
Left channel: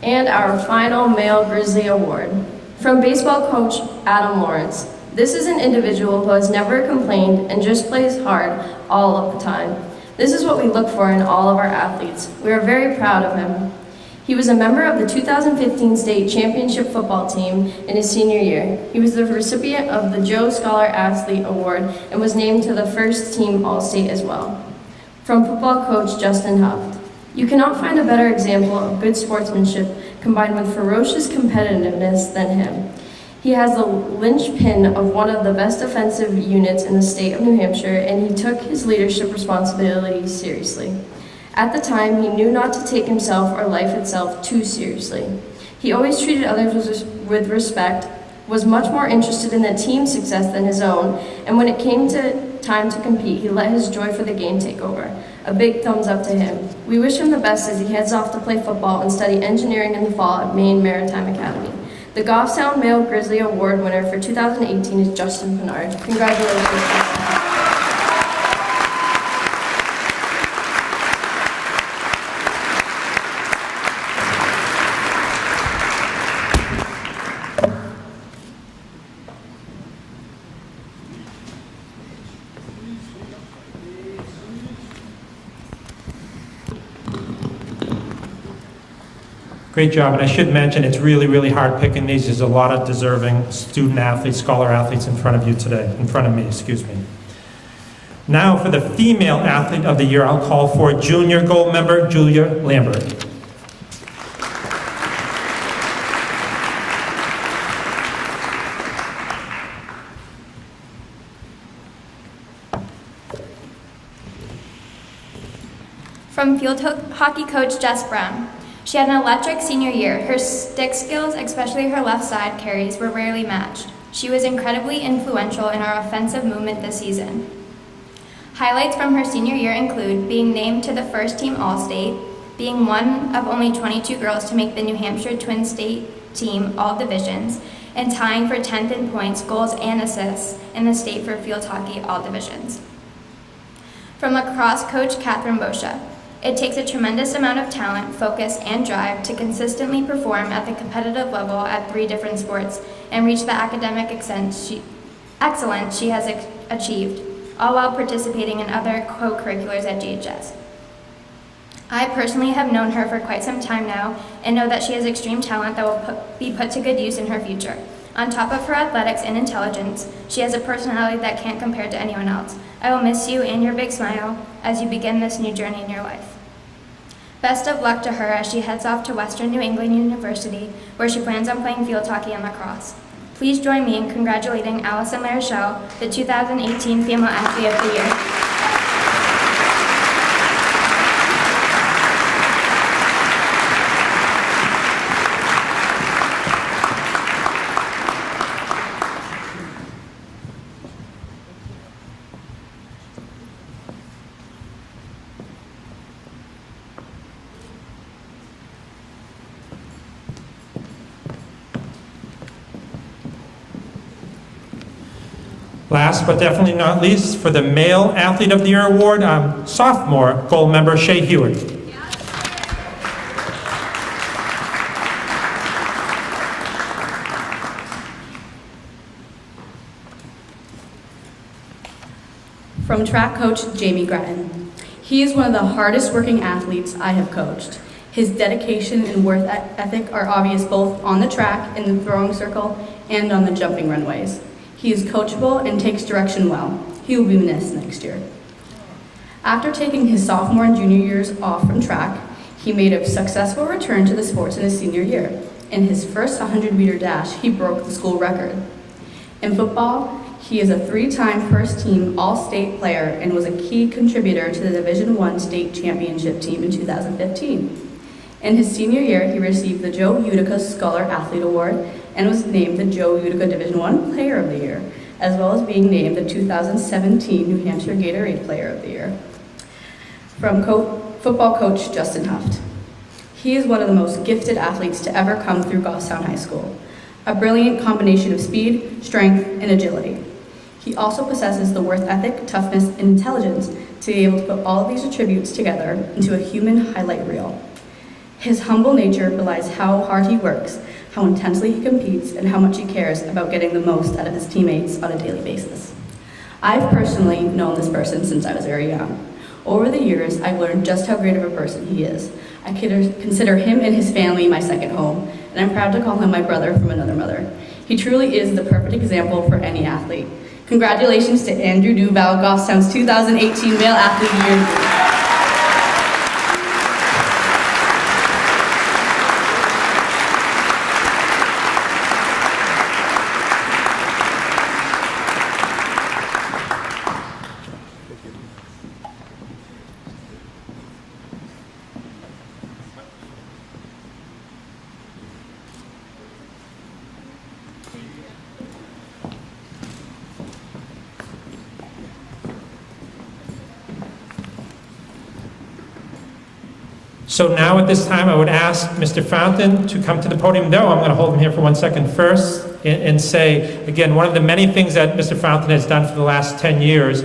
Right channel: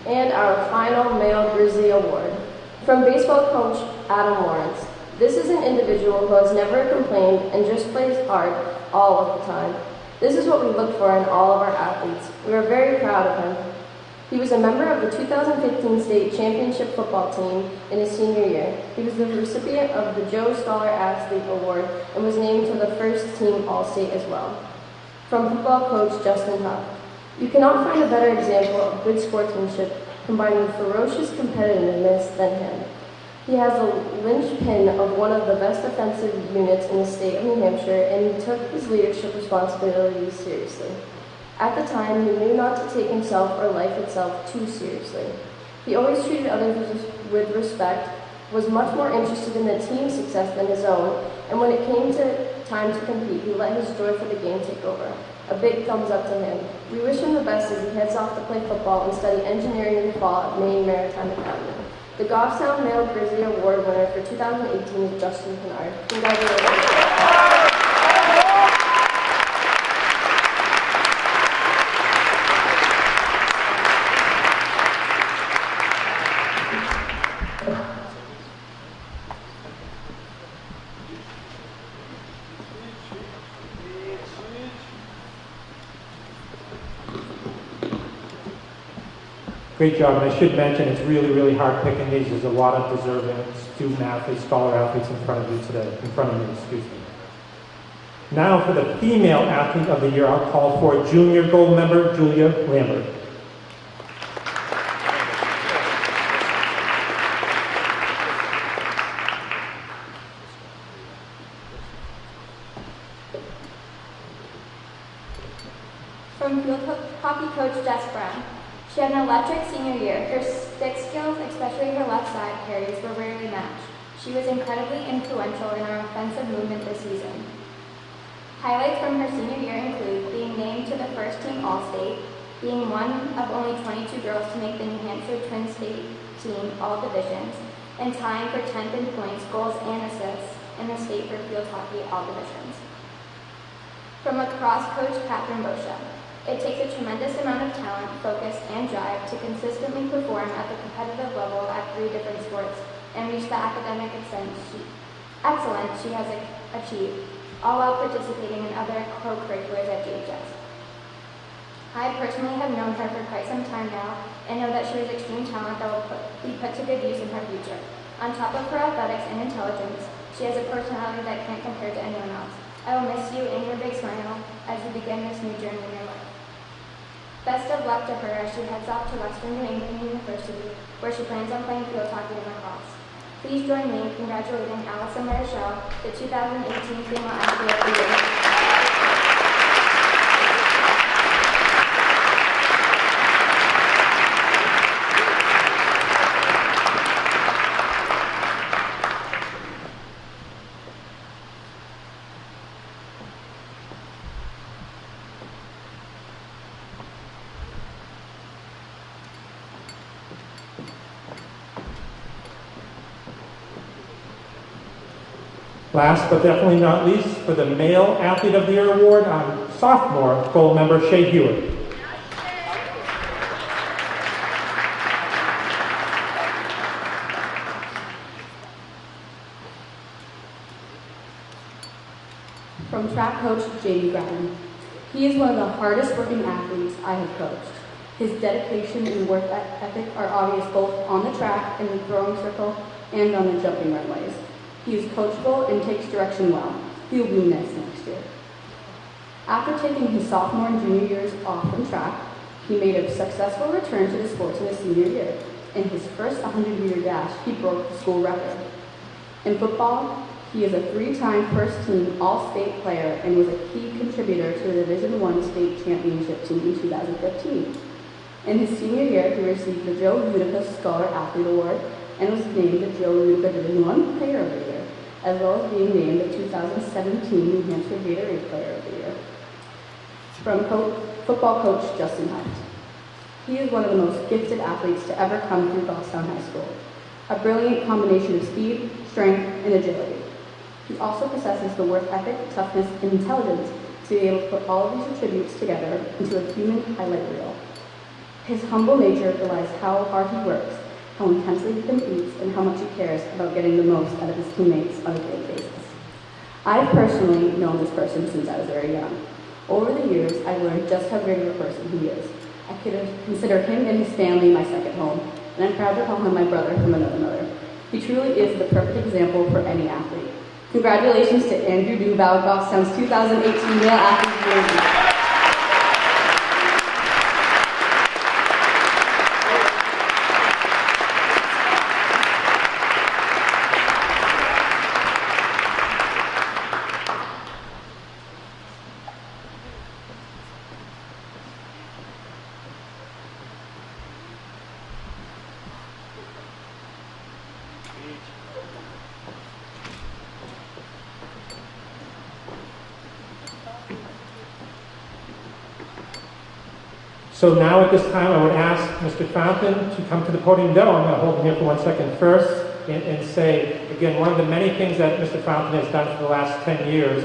And our final Male Grizzly Award. From baseball coach Adam Lawrence. This is an individual who has never complained and just plays hard all of the time. This is what we look for in all of our athletes. We are very proud of him. He was a member of the 2015 state championship football team in his senior year. He was the recipient of the Joe Scholar Athlete Award and was named to the first team All-State as well. From football coach Justin Huff. You cannot find a better example of good sportsmanship combined with ferocious competitiveness than him. He has the linchpin of one of the best defensive units in the state of New Hampshire, and he took his leadership responsibilities seriously. At the time, he knew not to take himself or life itself too seriously. He always treated others with respect, was much more interested in the team's success than his own, and when it came to time to compete, he let his joy for the game take over. A big thumbs up to him. We wish him the best as he heads off to play football and study engineering in the fall at Maine Maritime Academy. The Goffstown Male Grizzly Award winner for 2018 is Justin Pinard. Congratulations, Justin. Great job, and I should mention it's really, really hard picking these. There's a lot of deserving student athletes, scholar athletes in front of you today, in front of me, excuse me. Now for the female athlete of the year, I'll call for junior gold member Julia Lambert. From field hockey coach Jess Brown. She had an electric senior year. Her stick skills, especially her left side carries, were rarely matched. She was incredibly influential in our offensive movement this season. Highlights from her senior year include being named to the first team All-State, being one of only 22 girls to make the New Hampshire Twin State team all divisions, and tying for 10th in points, goals, and assists in the state for field hockey all divisions. From lacrosse coach Catherine Boscia. It takes a tremendous amount of talent, focus, and drive to consistently perform at the competitive level at 3 different sports and reach the academic excellence she has achieved. all while participating in other co-curriculars at GHS. I personally have known her for quite some time now and know that she has extreme talent that will be put to good use in her future. On top of her athletics and intelligence, she has a personality that can't compare to anyone else. I will miss you and your big smile as you begin this new journey in your life. Best of luck to her as she heads off to Western New England University, where she plans on playing field hockey and lacrosse. Please join me in congratulating Allison Marichal, the 2018 Female Athlete of the Year. Last but definitely not least, for the Male Athlete of the Year award, sophomore gold member Shea Hewitt. From track coach Jamie Gretton. He is one of the hardest working athletes I have coached. His dedication and work ethic are obvious both on the track, in the throwing circle, and on the jumping runways. He is coachable and takes direction well. He will be missed next year. After taking his sophomore and junior years off from track, he made a successful return to the sports in his senior year. In his first 100-meter dash, he broke the school record. In football, he is a 3-time first-team All-State player and was a key contributor to the Division I state championship team in 2015. In his senior year, he received the Joe Utica Scholar Athlete Award and was named the Joe Utica Division I Player of the Year, as well as being named the 2017 New Hampshire Gatorade Player of the Year. From football coach Justin Huft. He is one of the most gifted athletes to ever come through Goffstown High School, a brilliant combination of speed, strength, and agility. He also possesses the work ethic, toughness, and intelligence to be able to put all of these attributes together into a human highlight reel. His humble nature belies how hard he works, how intensely he competes, and how much he cares about getting the most out of his teammates on a daily basis. I've personally known this person since I was very young. Over the years, I've learned just how great of a person he is. I consider him and his family my second home, and I'm proud to call him my brother from another mother. He truly is the perfect example for any athlete. Congratulations to Andrew Duval, Goffstown's 2018 Male Athlete of the Year. So now at this time, I would ask Mr. Fountain to come to the podium. No, I'm going to hold him here for 1 second first and say, again, one of the many things that Mr. Fountain has done for the last 10 years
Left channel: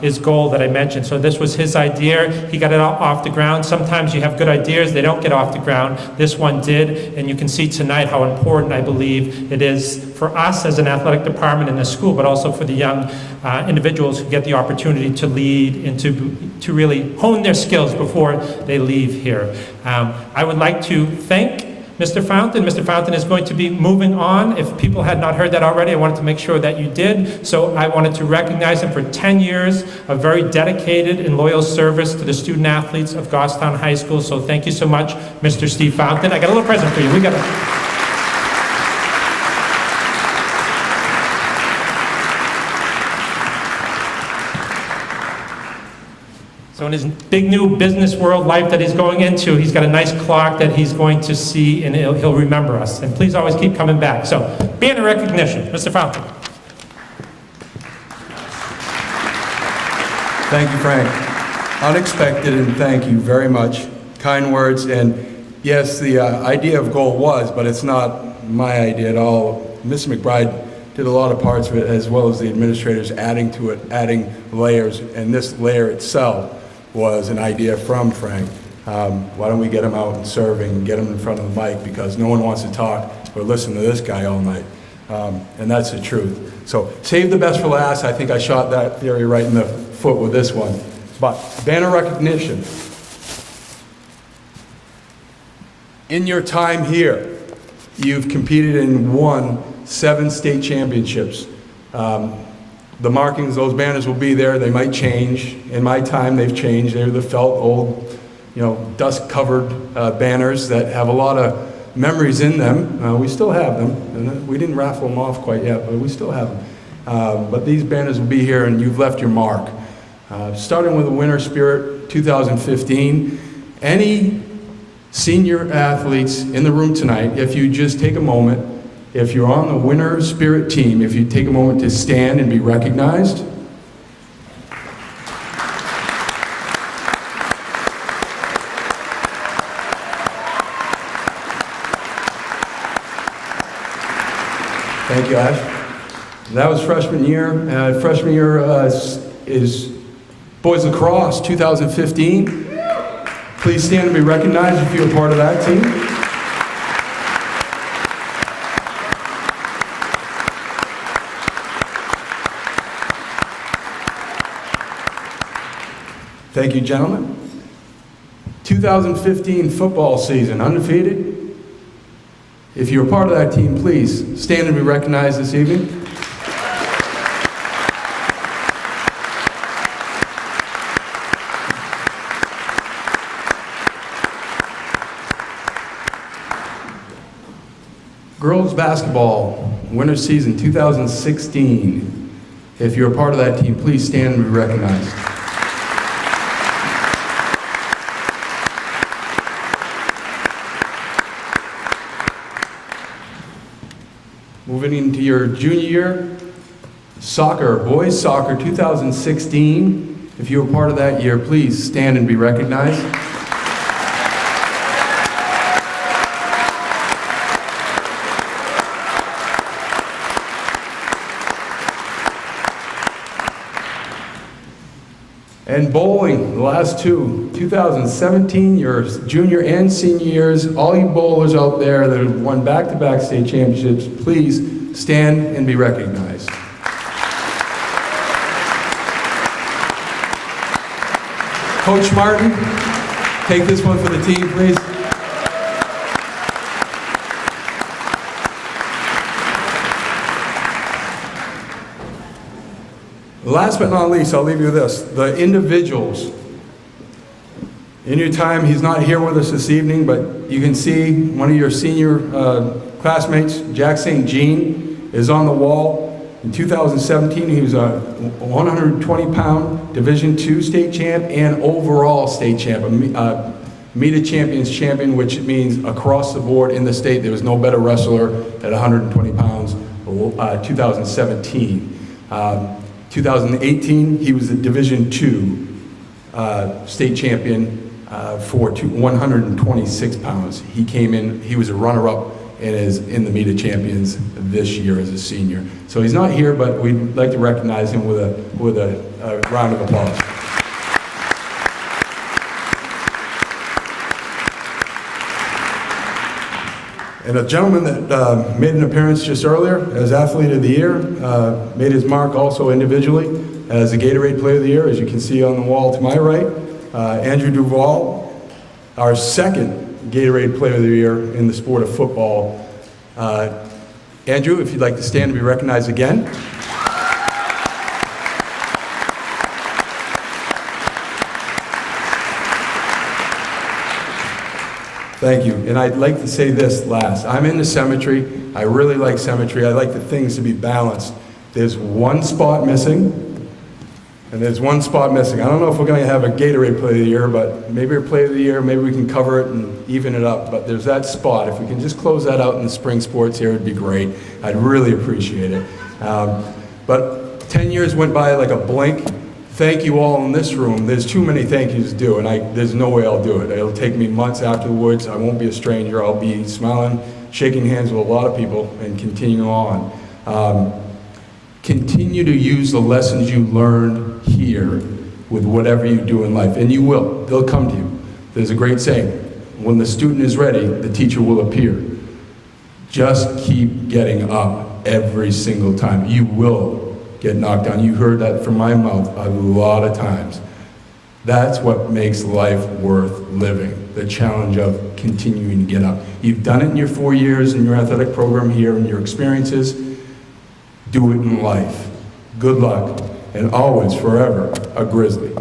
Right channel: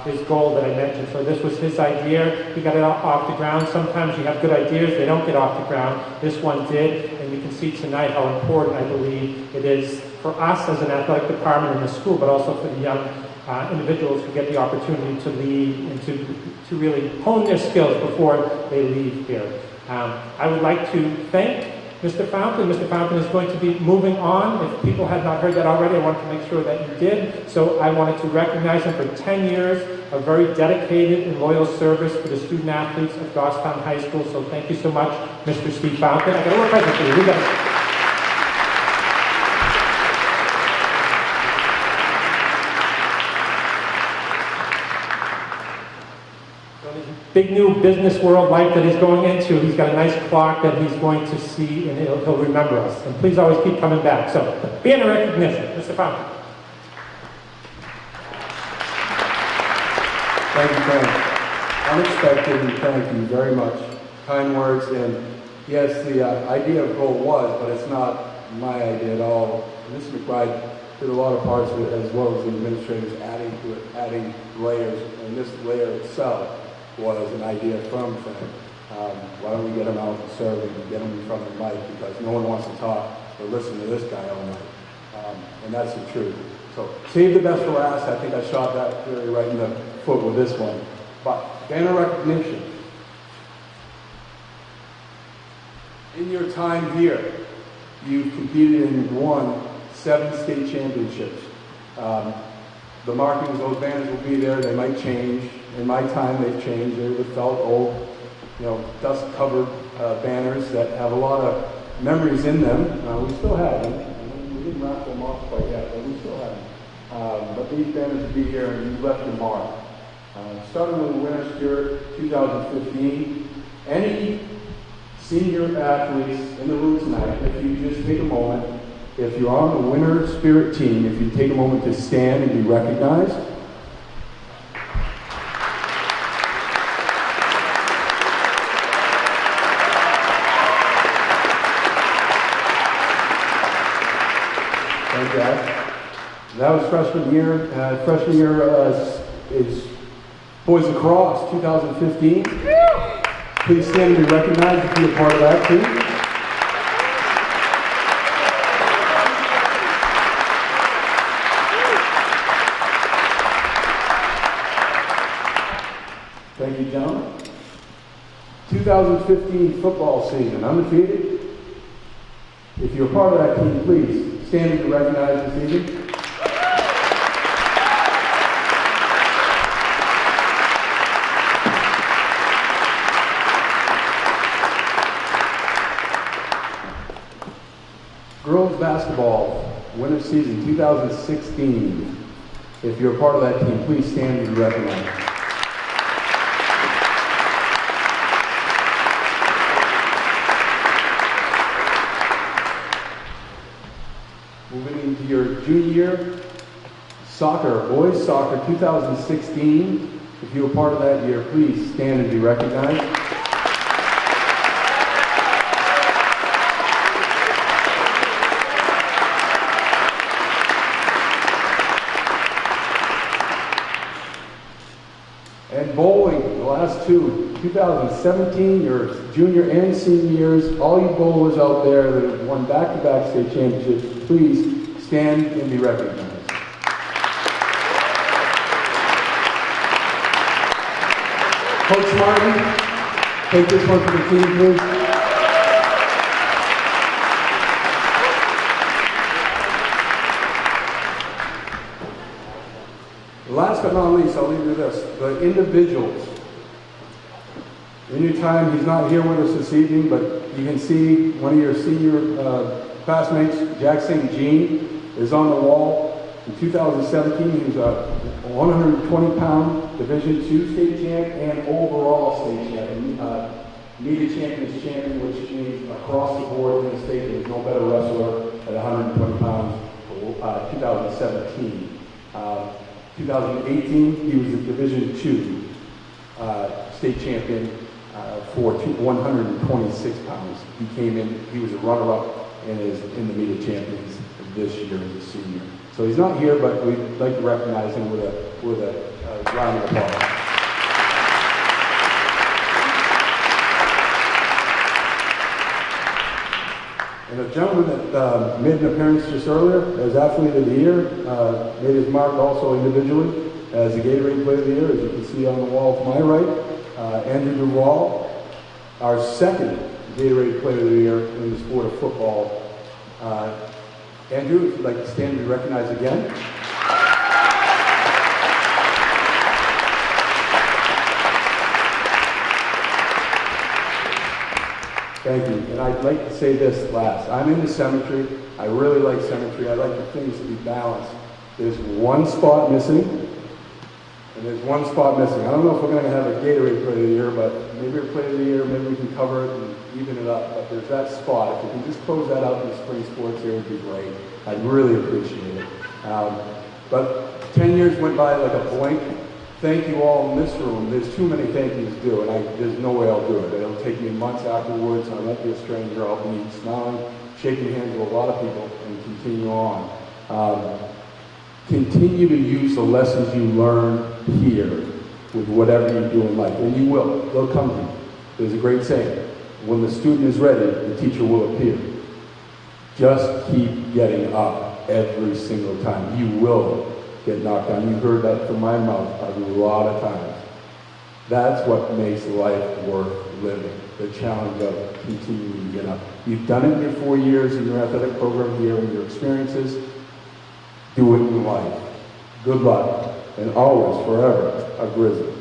is gold that I mentioned. So this was his idea. He got it off the ground. Sometimes you have good ideas, they don't get off the ground. This one did, and you can see tonight how important I believe it is for us as an athletic department in the school, but also for the young individuals who get the opportunity to lead and to really hone their skills before they leave here. I would like to thank Mr. Fountain. Mr. Fountain is going to be moving on. If people had not heard that already, I wanted to make sure that you did. So I wanted to recognize him for 10 years of very dedicated and loyal service to the student athletes of Goffstown High School. So thank you so much, Mr. Steve Fountain. I got a little present for you. We got So in his big new business world life that he's going into, he's got a nice clock that he's going to see, and he'll remember us. And please always keep coming back. So, being a recognition, Mr. Fountain. Thank you, Frank. Unexpected, and thank you very much. Kind words, and yes, the idea of goal was, but it's not my idea at all. Ms. McBride did a lot of parts of it, as well as the administrators adding to it, adding layers, and this layer itself was an idea from Frank. Why don't we get him out and serving, get him in front of the mic, because no one wants to talk or listen to this guy all night. And that's the truth. So save the best for last. I think I shot that theory right in the foot with this one. But banner recognition. In your time here, you've competed and won 7 state championships. The markings, those banners will be there. They might change. In my time, they've changed. They're the felt old, dust-covered banners that have a lot of memories in them. We still have them. And we didn't raffle them off quite yet, but we still have them. But these banners will be here, and you've left your mark. Starting with the Winter Spirit 2015, any senior athletes in the room tonight, if you just take a moment, if you're on the Winter Spirit team, if you take a moment to stand and be recognized. Thank you, Ash. That was freshman year. Freshman year is boys lacrosse 2015. Please stand and be recognized if you're a part of that team. Thank you, gentlemen. 2015 football season, undefeated. If you're a part of that team, please stand and be recognized this evening. Girls basketball, winter season 2016. If you're a part of that team, please stand and be recognized. Moving into your junior year, soccer, boys soccer 2016. If you were part of that year, please stand and be recognized. And bowling, the last two, 2017, your junior and senior years, all you bowlers out there that have won back-to-back state championships, please stand and be recognized. Coach Martin, take this one for the team, please. Last but not least, I'll leave you with this. The individuals. In your time, he's not here with us this evening, but you can see one of your senior classmates, Jack St. Jean, is on the wall. In 2017, he was a 120-pound Division II state champ and overall state champ, Meet a Champions champion, which means across the board in the state, there was no better wrestler at 120 pounds, 2017. 2018, he was a Division II state champion for 126 pounds. He came in, he was a runner-up and is in the Meet of Champions this year as a senior. So he's not here, but we'd like to recognize him with a round of applause. And a gentleman that made an appearance just earlier as Athlete of the Year, made his mark also individually as a Gatorade Player of the Year, as you can see on the wall to my right. Andrew Duval, our second Gatorade Player of the Year in the sport of football. Andrew, if you'd like to stand and be recognized again. Thank you. And I'd like to say this last. I'm into symmetry. I really like symmetry. I like the things to be balanced. There's one spot missing, and there's one spot missing. I don't know if we're going to have a Gatorade Player of the Year, but maybe a Player of the Year, maybe we can cover it and even it up. But there's that spot. If we can just close that out in the spring sports here, it'd be great. I'd really appreciate it. But 10 years went by like a blink. Thank you all in this room. There's too many thank yous to do, and there's no way I'll do it. It'll take me months afterwards. I won't be a stranger. I'll be smiling, shaking hands with a lot of people, and continue on. Continue to use the lessons you learned here with whatever you do in life, and you will. They'll come to you. There's a great saying. When the student is ready, the teacher will appear. Just keep getting up. every single time. You will get knocked down. You heard that from my mouth a lot of times. That's what makes life worth living, the challenge of continuing to get up. You've done it in your 4 years in your athletic program here and your experiences. Do it in life. Good luck, and always, forever, a Grizzly.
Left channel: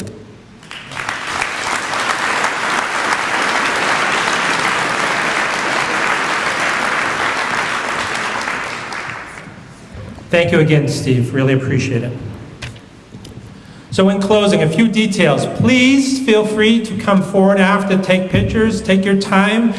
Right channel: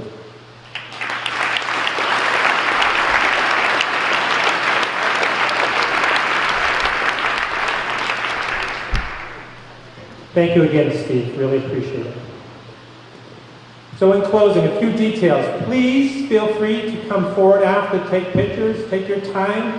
Thank you again, Steve. Really appreciate it. So in closing, a few details. Please feel free to come forward after, take pictures, take your time.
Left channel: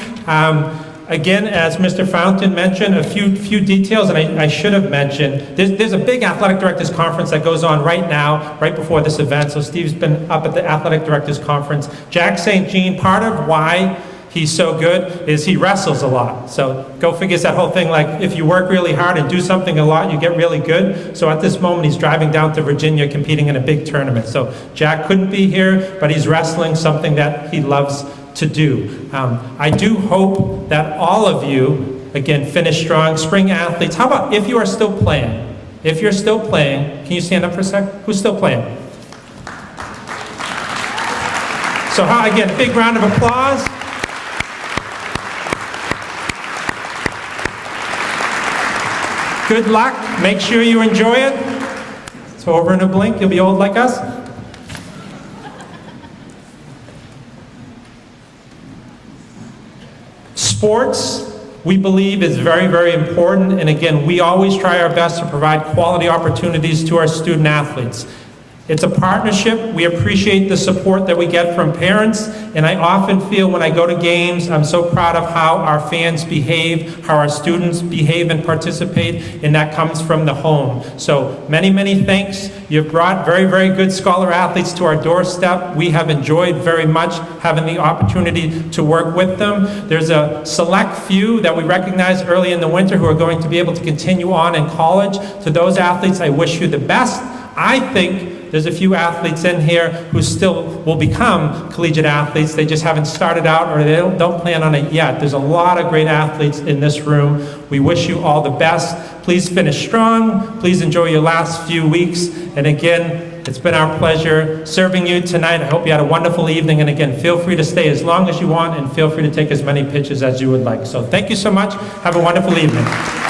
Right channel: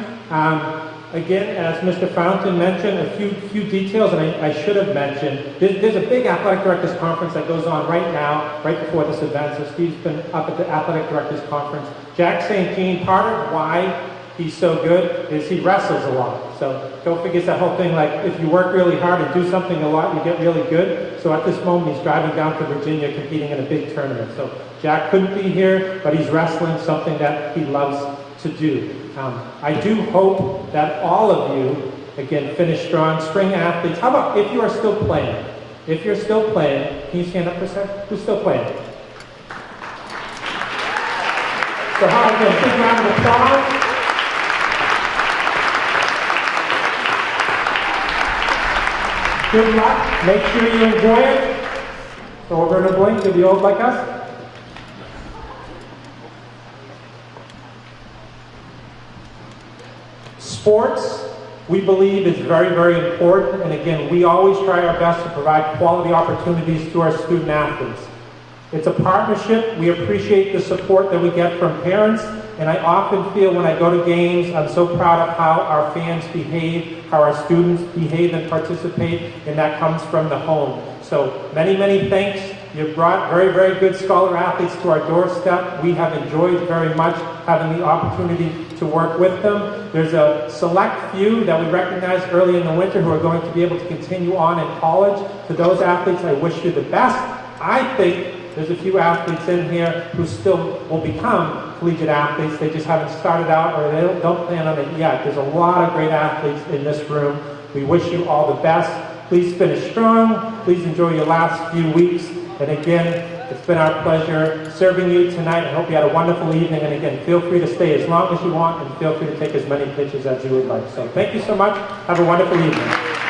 Again, as Mr. Fountain mentioned, a few details that I should have mentioned. There's a big athletic directors conference that goes on right now, right before this event. So Steve's been up at the athletic directors conference. Jack St. Jean, part of why he's so good is he wrestles a lot. So go figure that whole thing, like if you work really hard and do something a lot, you get really good. So at this moment, he's driving down to Virginia competing in a big tournament. So Jack couldn't be here, but he's wrestling, something that he loves to do. I do hope that all of you, again, finish strong. Spring athletes, how about if you are still playing? If you're still playing, can you stand up for a sec? Who's still playing? So how I get a big round of applause? Good luck. Make sure you enjoy it. It's over in a blink. You'll be old like us. Sports, we believe, is very, very important. And again, we always try our best to provide quality opportunities to our student athletes. It's a partnership. We appreciate the support that we get from parents, and I often feel when I go to games, I'm so proud of how our fans behave, how our students behave and participate, and that comes from the home. So many, many thanks. You've brought very, very good scholar athletes to our doorstep. We have enjoyed very much having the opportunity to work with them. There's a select few that we recognize early in the winter who are going to be able to continue on in college. To those athletes, I wish you the best. I think there's a few athletes in here who still will become collegiate athletes. They just haven't started out, or they don't plan on it yet. There's a lot of great athletes in this room. We wish you all the best. Please finish strong. Please enjoy your last few weeks. And again, it's been our pleasure serving you tonight. I hope you had a wonderful evening. And again, feel free to stay as long as you want, and feel free to take as many pictures as you would like. So thank you so much. Have a wonderful evening.